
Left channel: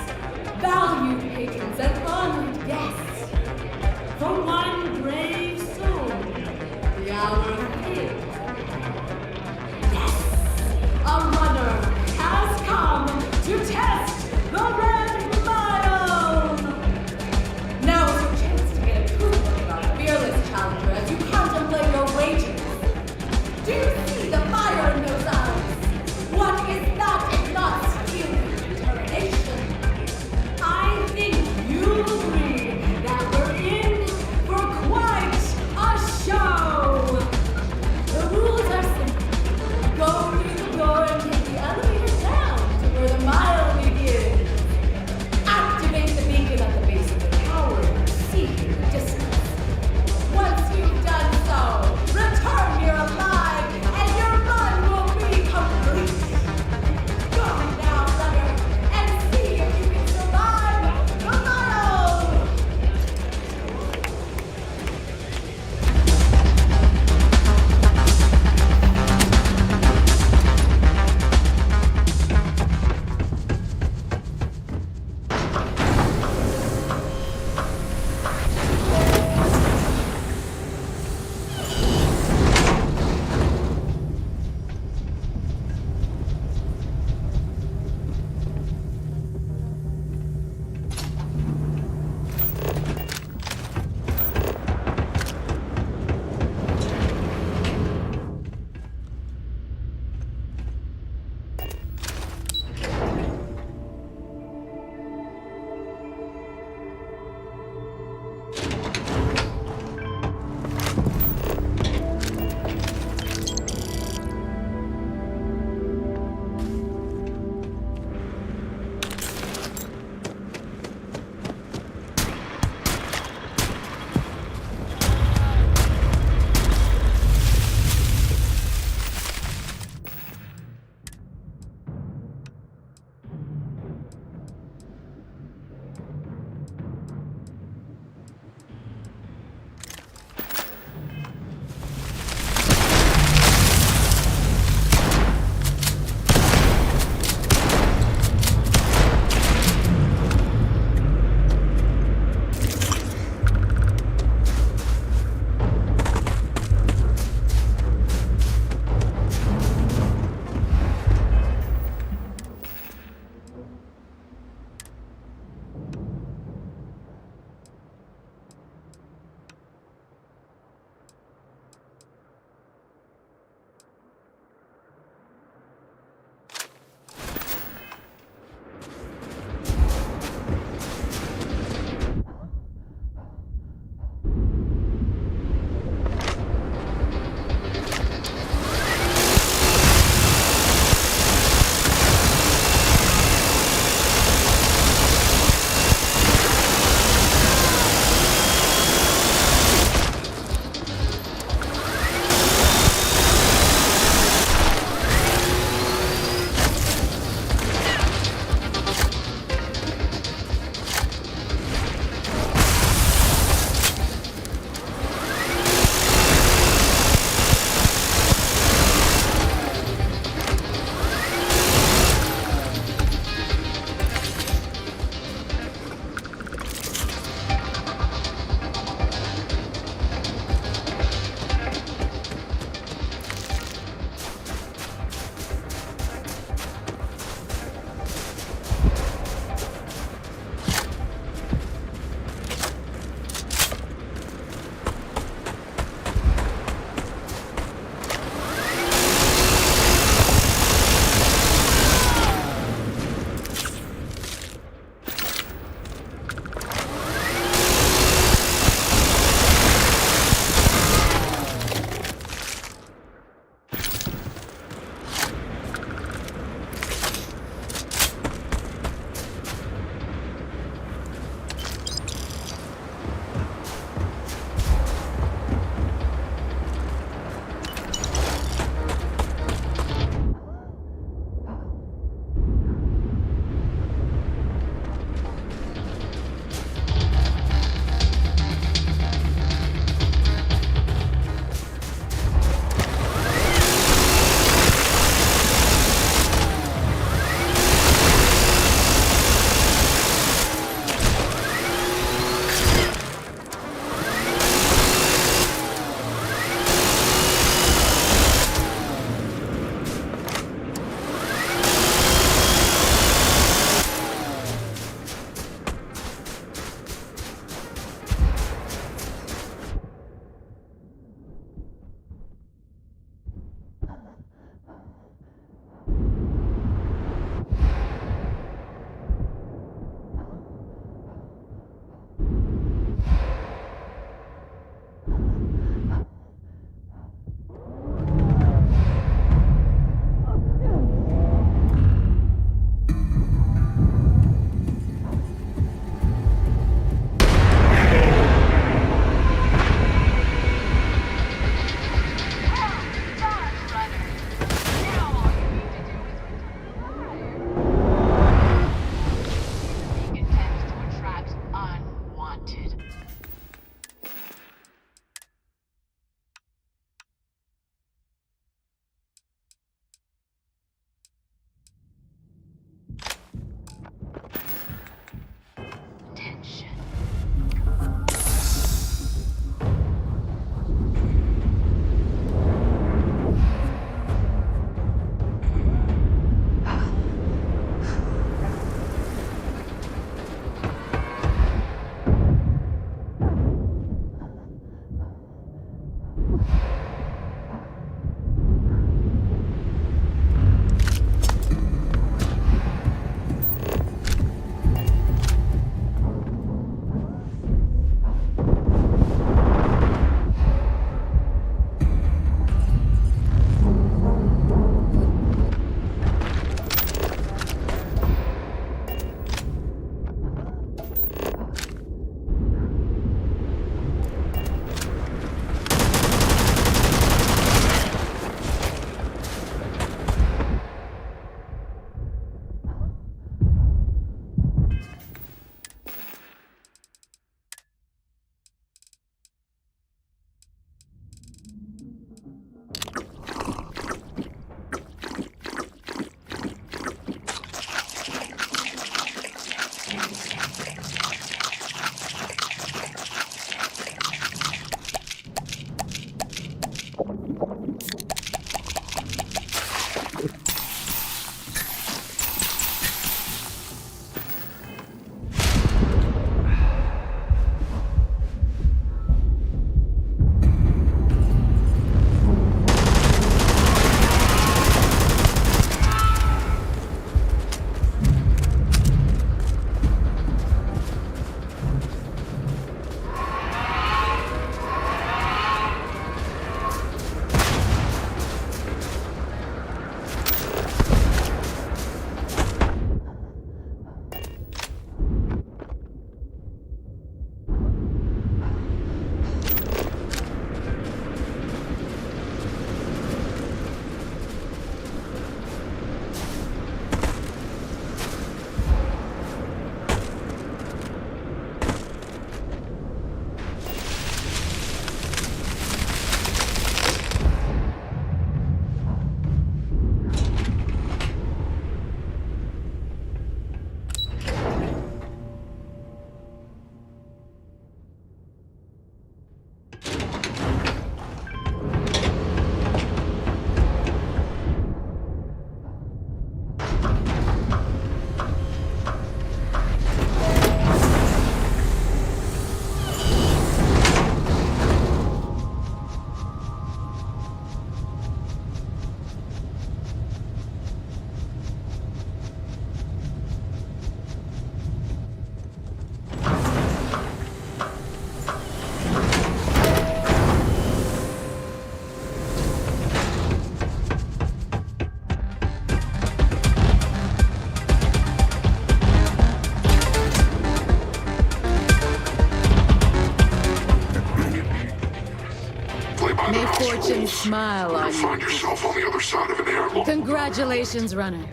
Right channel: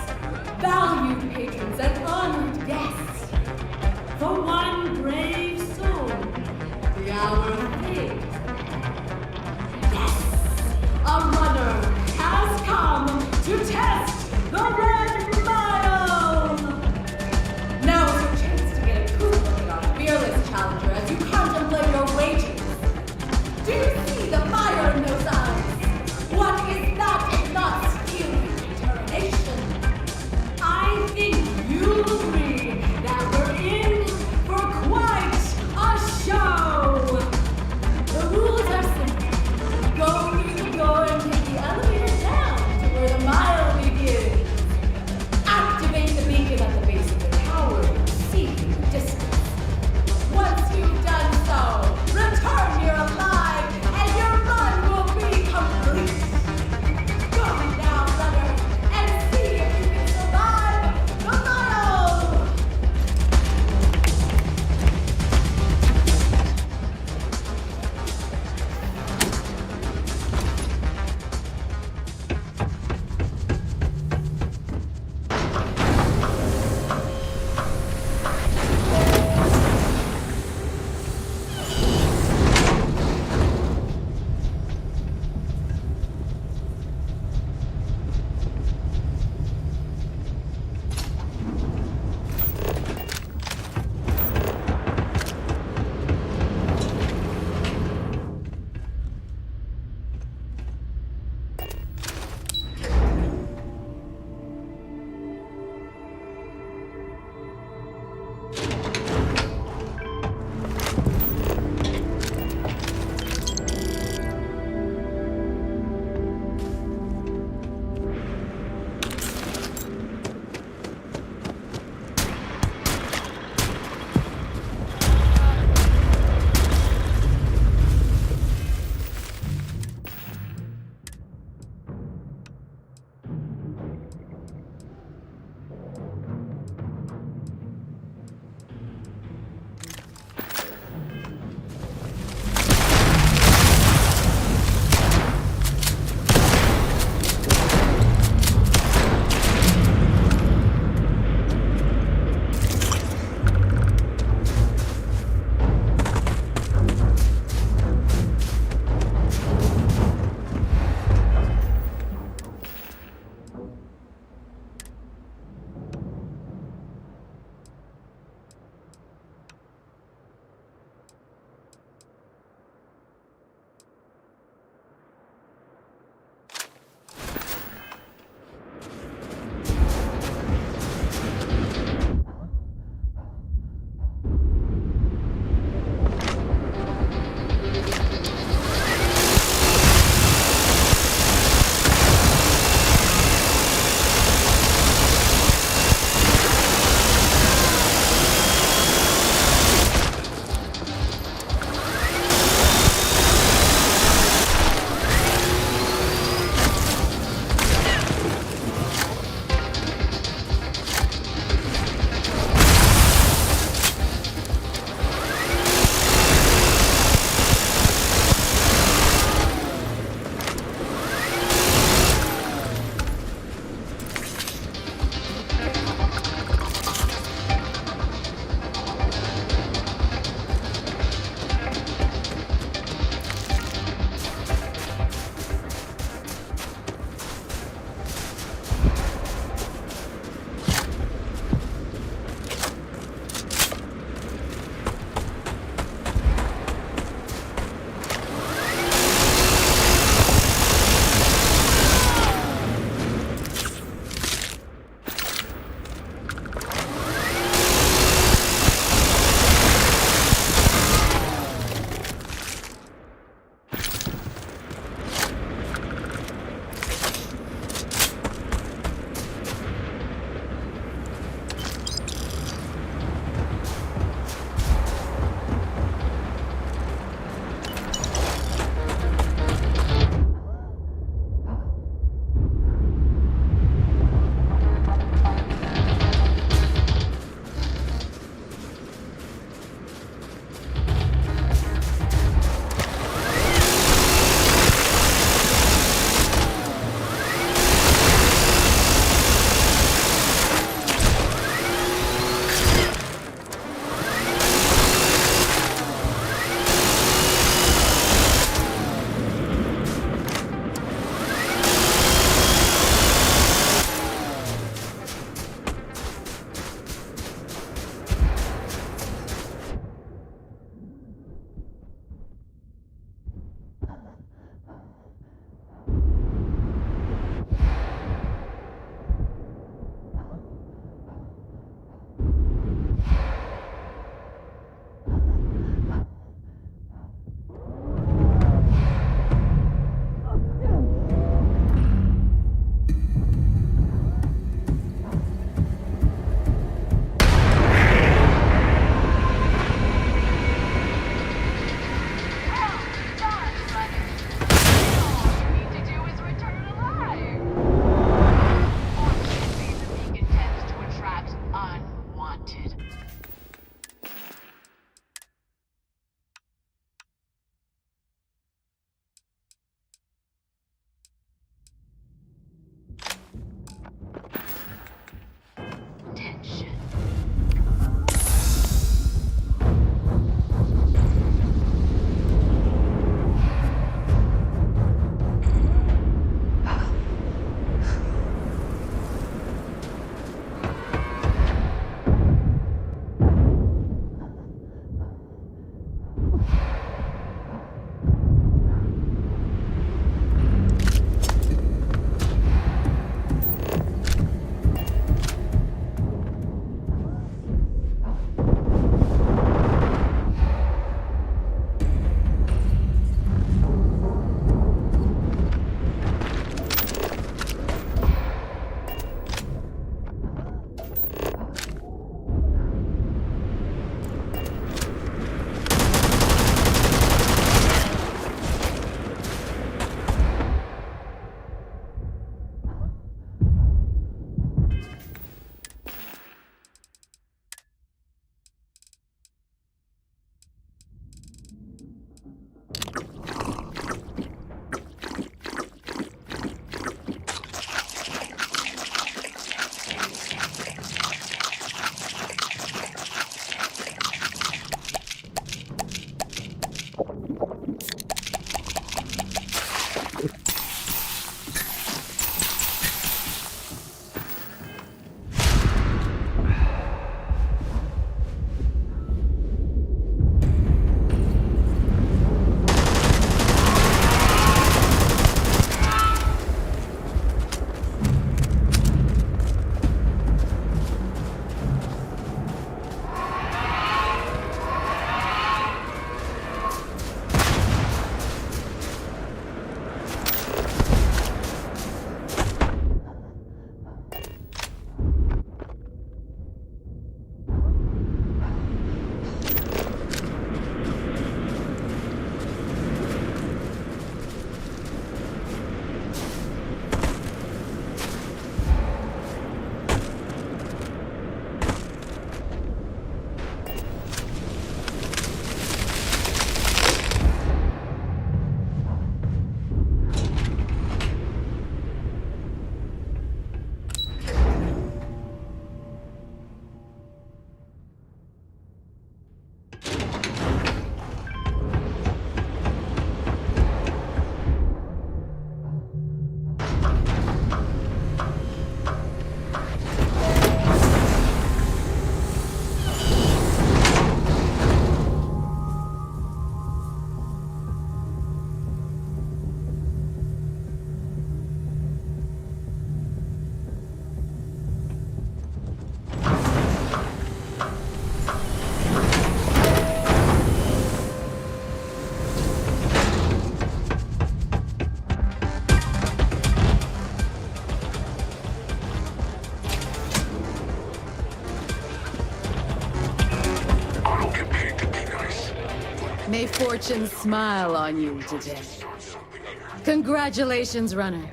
May fortune smile on you today. Congratulations, runner.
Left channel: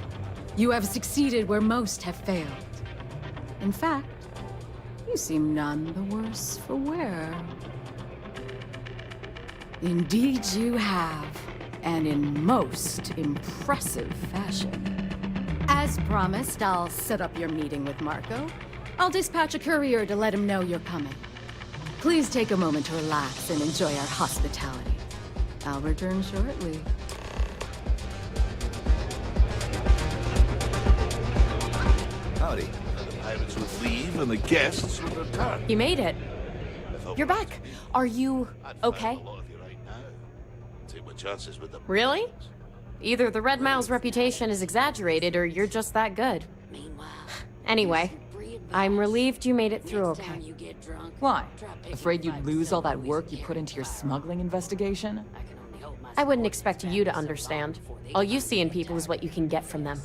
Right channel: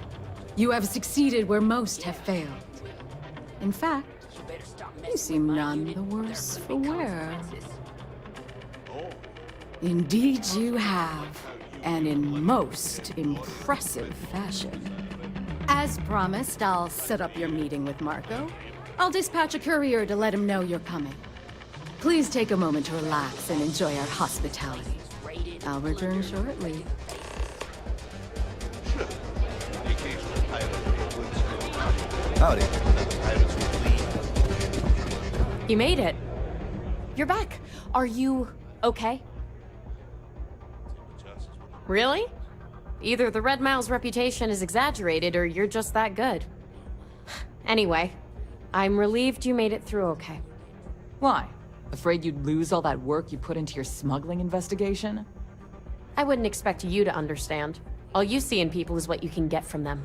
You have succeeded where most have failed. In fact, you seem none the worse for wear. Indeed you have, and in most impressive fashion. As promised, I'll set up your meeting with Marco. I'll dispatch a courier to let him know you're coming. Please take a moment to relax and enjoy our hospitality. I'll return shortly. Howdy. The pirates would leave and the guests would return. You made it. You're back. Are you okay? Take my chances with them. Really? Either the Red Mile's reputation is exaggerated or you're just that good. Anyway, I'm relieved you made it through okay. Why? Afraid you'd lose all that work you put into your smuggling investigation? I wouldn't expect you to understand. All you see in people is what you can get from them.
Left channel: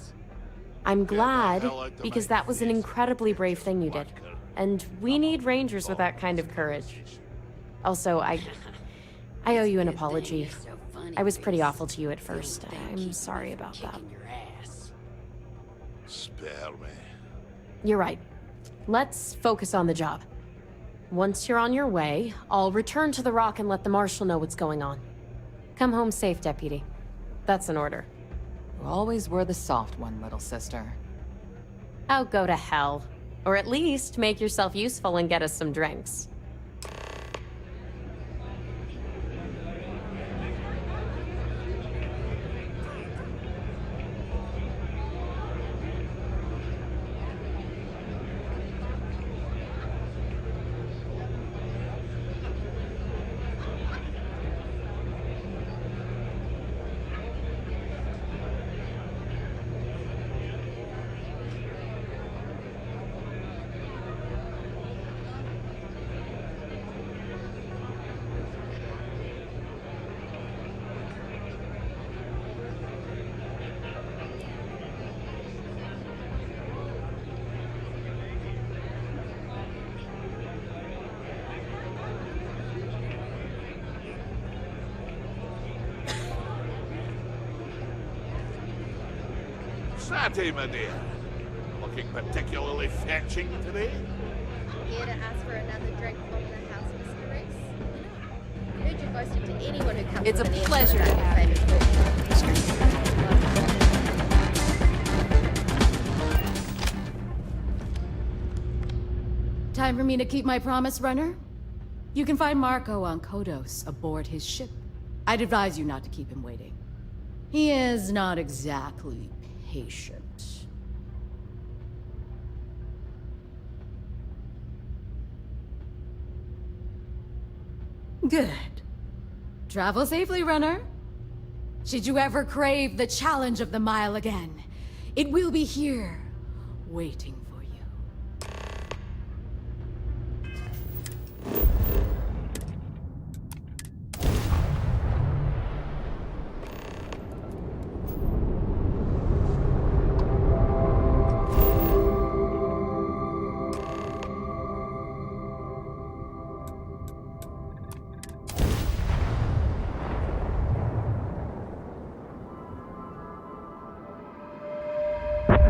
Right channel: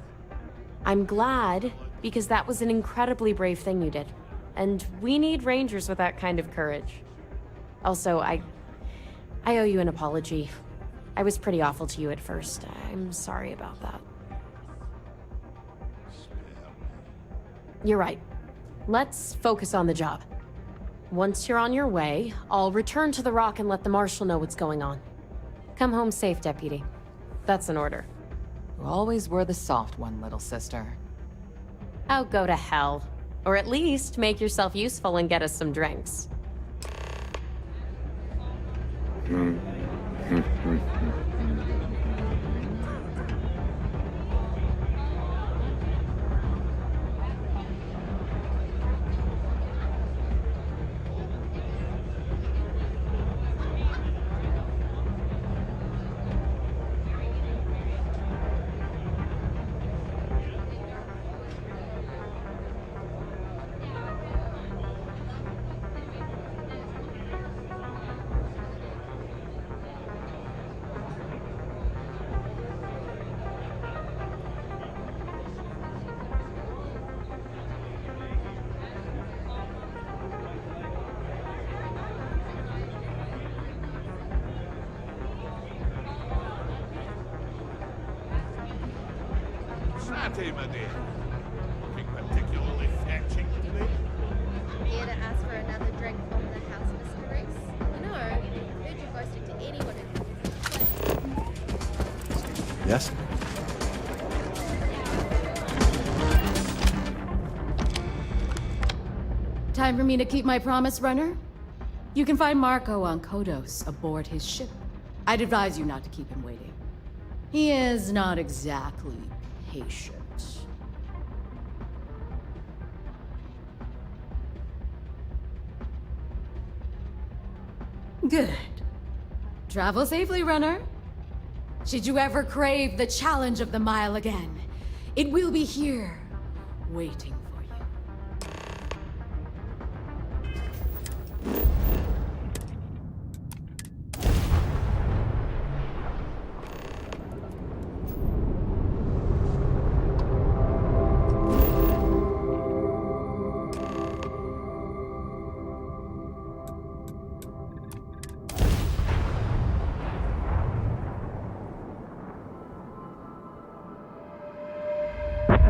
I'm glad, because that was an incredibly brave thing you did. And we need rangers with that kind of courage. Also, I owe you an apology. I was pretty awful to you at first. I'm sorry about that. Spare me. You're right. Let's focus on the job. Once you're on your way, I'll return to the Rock and let the Marshal know what's going on. Come home safe, Deputy. That's an order. You always were the soft one, little sister. Oh, go to hell. Or at least make yourself useful and get us some drinks. Sante, my dear. Looking particularly fetching today? Here to ask for another drink from the house, Mr. Reese? No, heard you boasted to anyone who comes. It's a pleasure to have you. Excuse me, yes? Time for me to keep my promise, runner? You can find Marco on Kodos aboard his ship. I'd advise you not to keep him waiting. He is not exactly patient. Good. Travel safely, runner. Should you ever crave the challenge of the mile again, it will be here, waiting for you.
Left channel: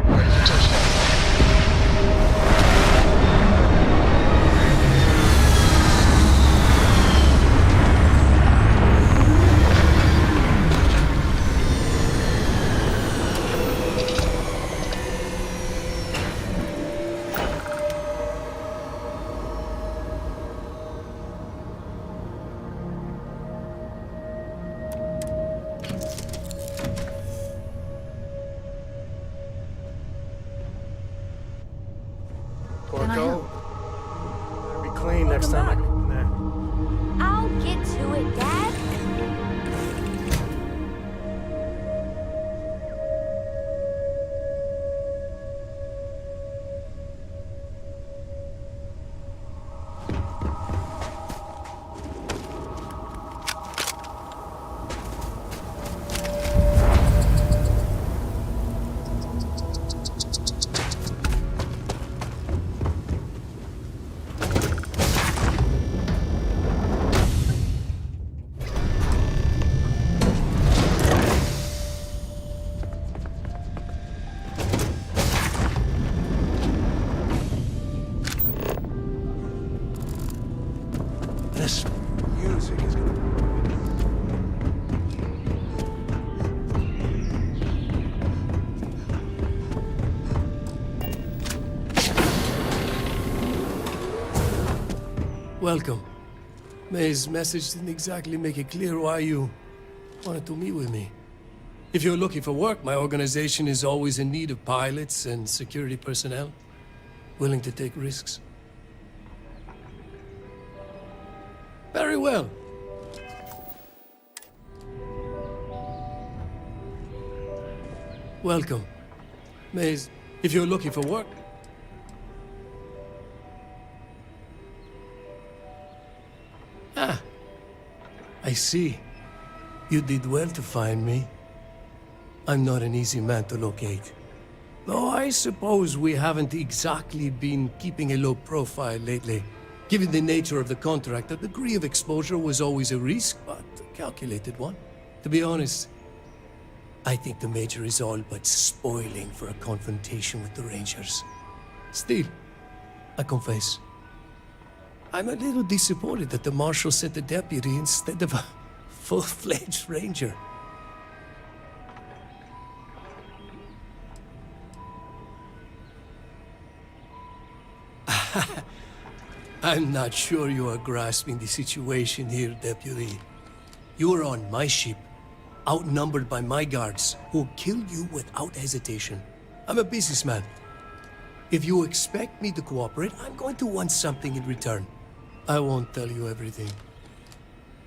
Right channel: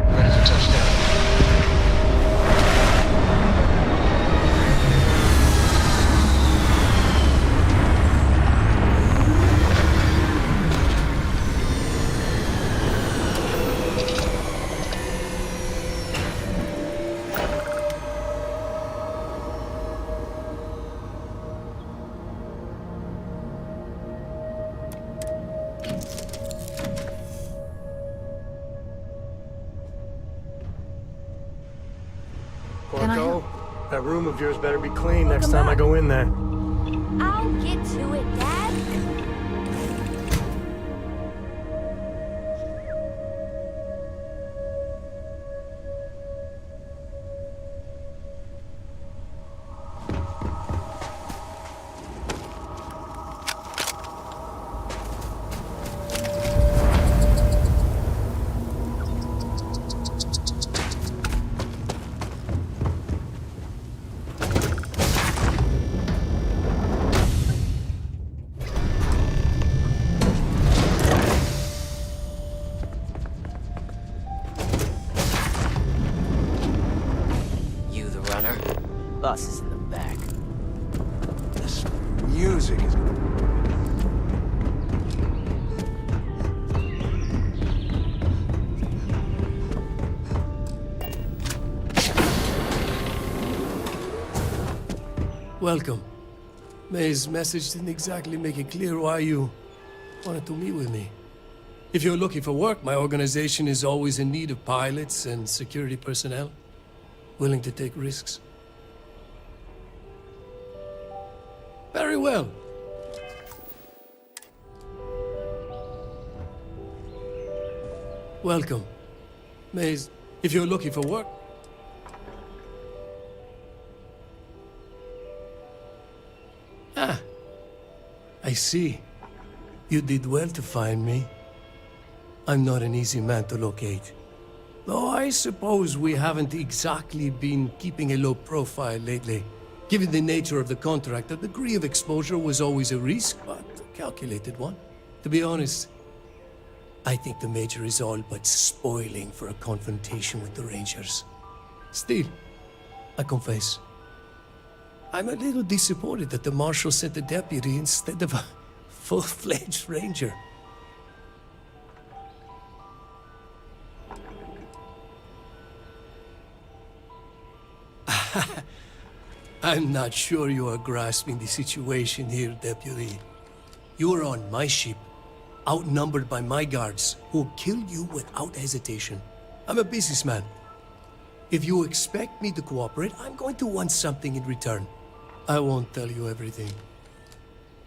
Ready for touchdown. Corco, that room of yours better be clean next time I go in there. I'll get to it, Dad. bus is in the back. This music is gonna... Welcome. May's message didn't exactly make it clear why you wanted to meet with me. If you're looking for work, my organization is always in need of pilots and security personnel, willing to take risks. Very well. Welcome. May's, if you're looking for work, I see. You did well to find me. I'm not an easy man to locate. Though I suppose we haven't exactly been keeping a low profile lately. Given the nature of the contract, a degree of exposure was always a risk, but a calculated one. To be honest, I think the Major is all but spoiling for a confrontation with the Rangers. Still, I confess, I'm a little disappointed that the Marshal sent a deputy instead of a full-fledged Ranger. I'm not sure you are grasping the situation here, Deputy. You are on my ship, outnumbered by my guards, who'll kill you without hesitation. I'm a businessman. If you expect me to cooperate, I'm going to want something in return. I won't tell you everything.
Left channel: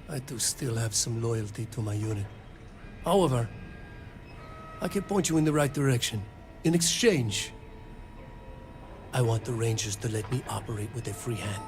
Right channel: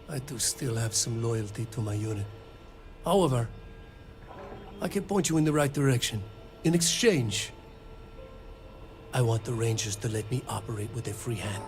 I do still have some loyalty to my unit. However, I can point you in the right direction. In exchange, I want the Rangers to let me operate with a free hand.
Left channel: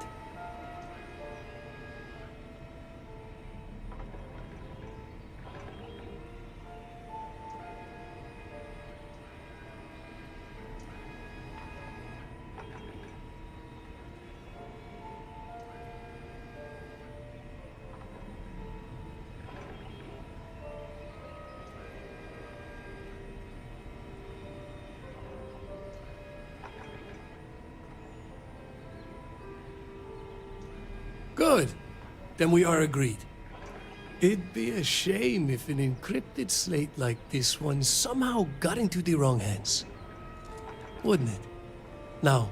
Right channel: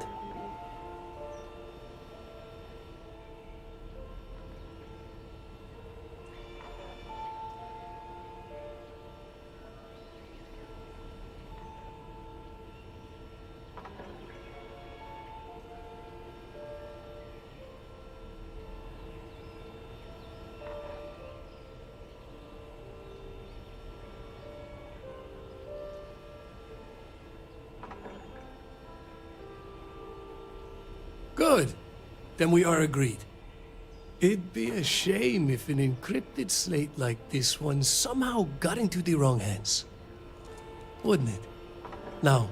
Good. Then we are agreed. It'd be a shame if an encrypted slate like this one somehow got into the wrong hands. Wouldn't it? Now,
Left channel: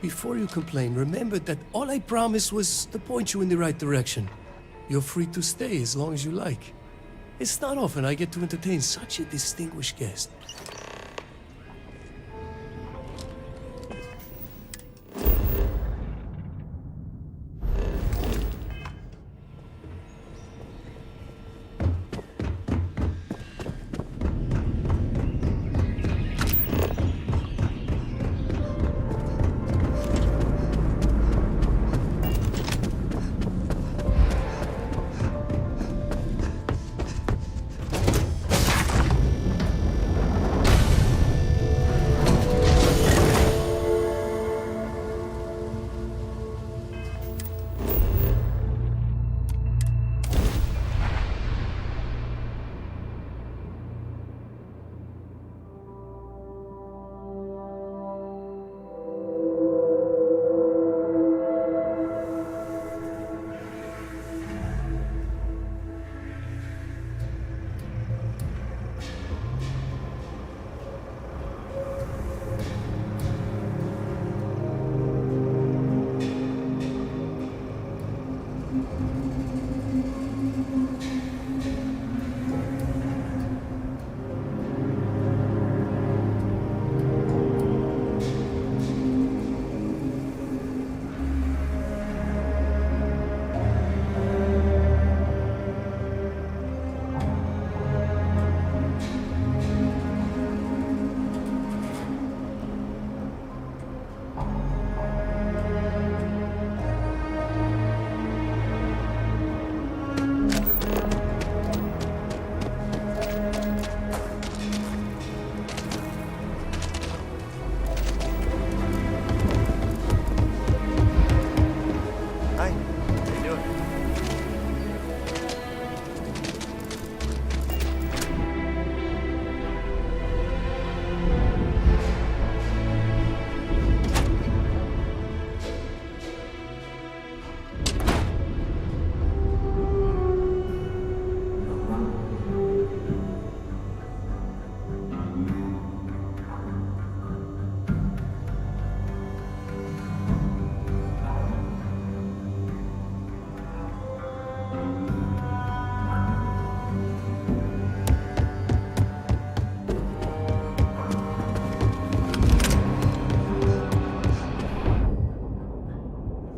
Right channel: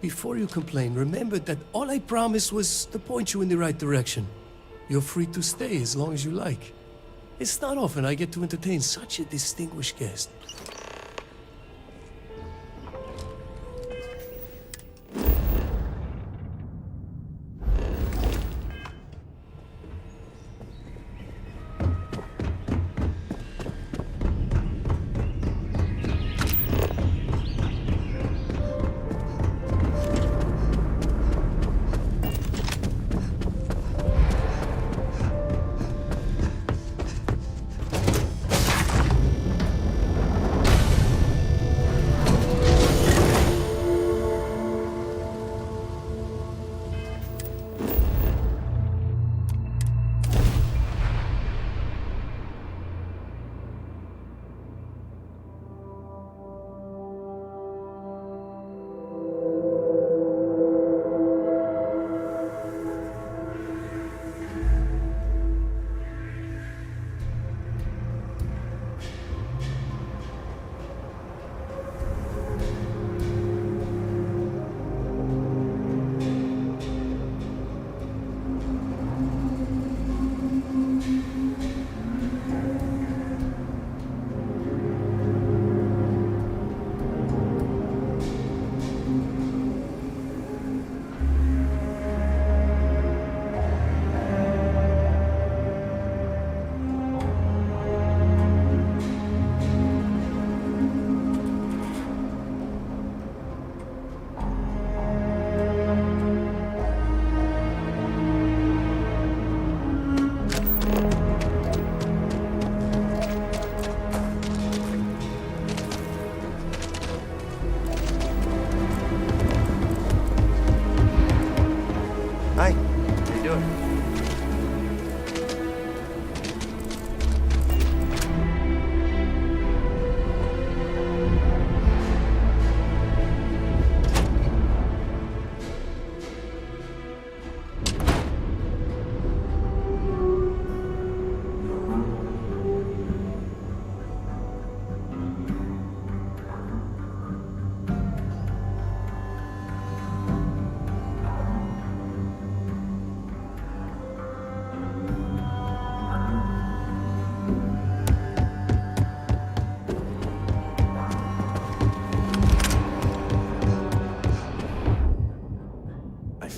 before you complain, remember that all I promised was to point you in the right direction. You're free to stay as long as you like. It's not often I get to entertain such a distinguished guest.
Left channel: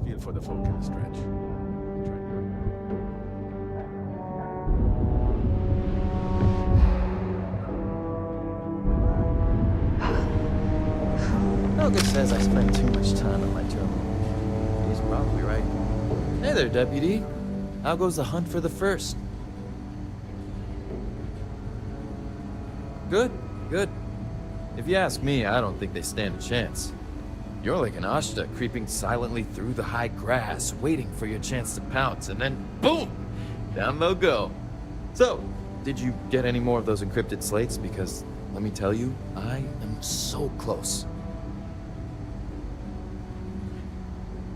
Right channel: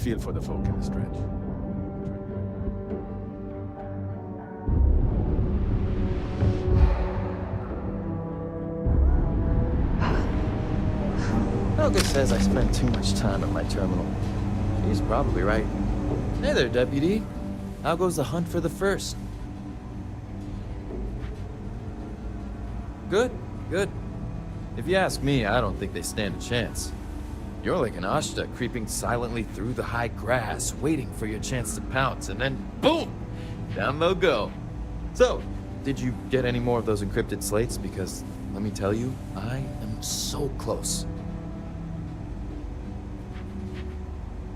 feel for the folk in the stretch. Helga says I spend too much time at my terminal. He's probably right. Hey there, Deputy. How goes the hunt for the first? Good, good. If you ask me, I don't think they stand a chance. You're like an Ashta creeping silently through the high grass, waiting for your chance to pounce, and then boom! Down they'll go. So, did you get any more of those encrypted slates? Because, let me tell you, I am so close.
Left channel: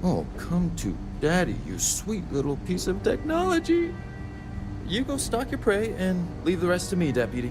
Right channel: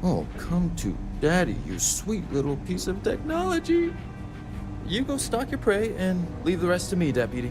Oh, come to Daddy, you sweet little piece of technology. You go stalk your prey and leave the rest to me, Deputy.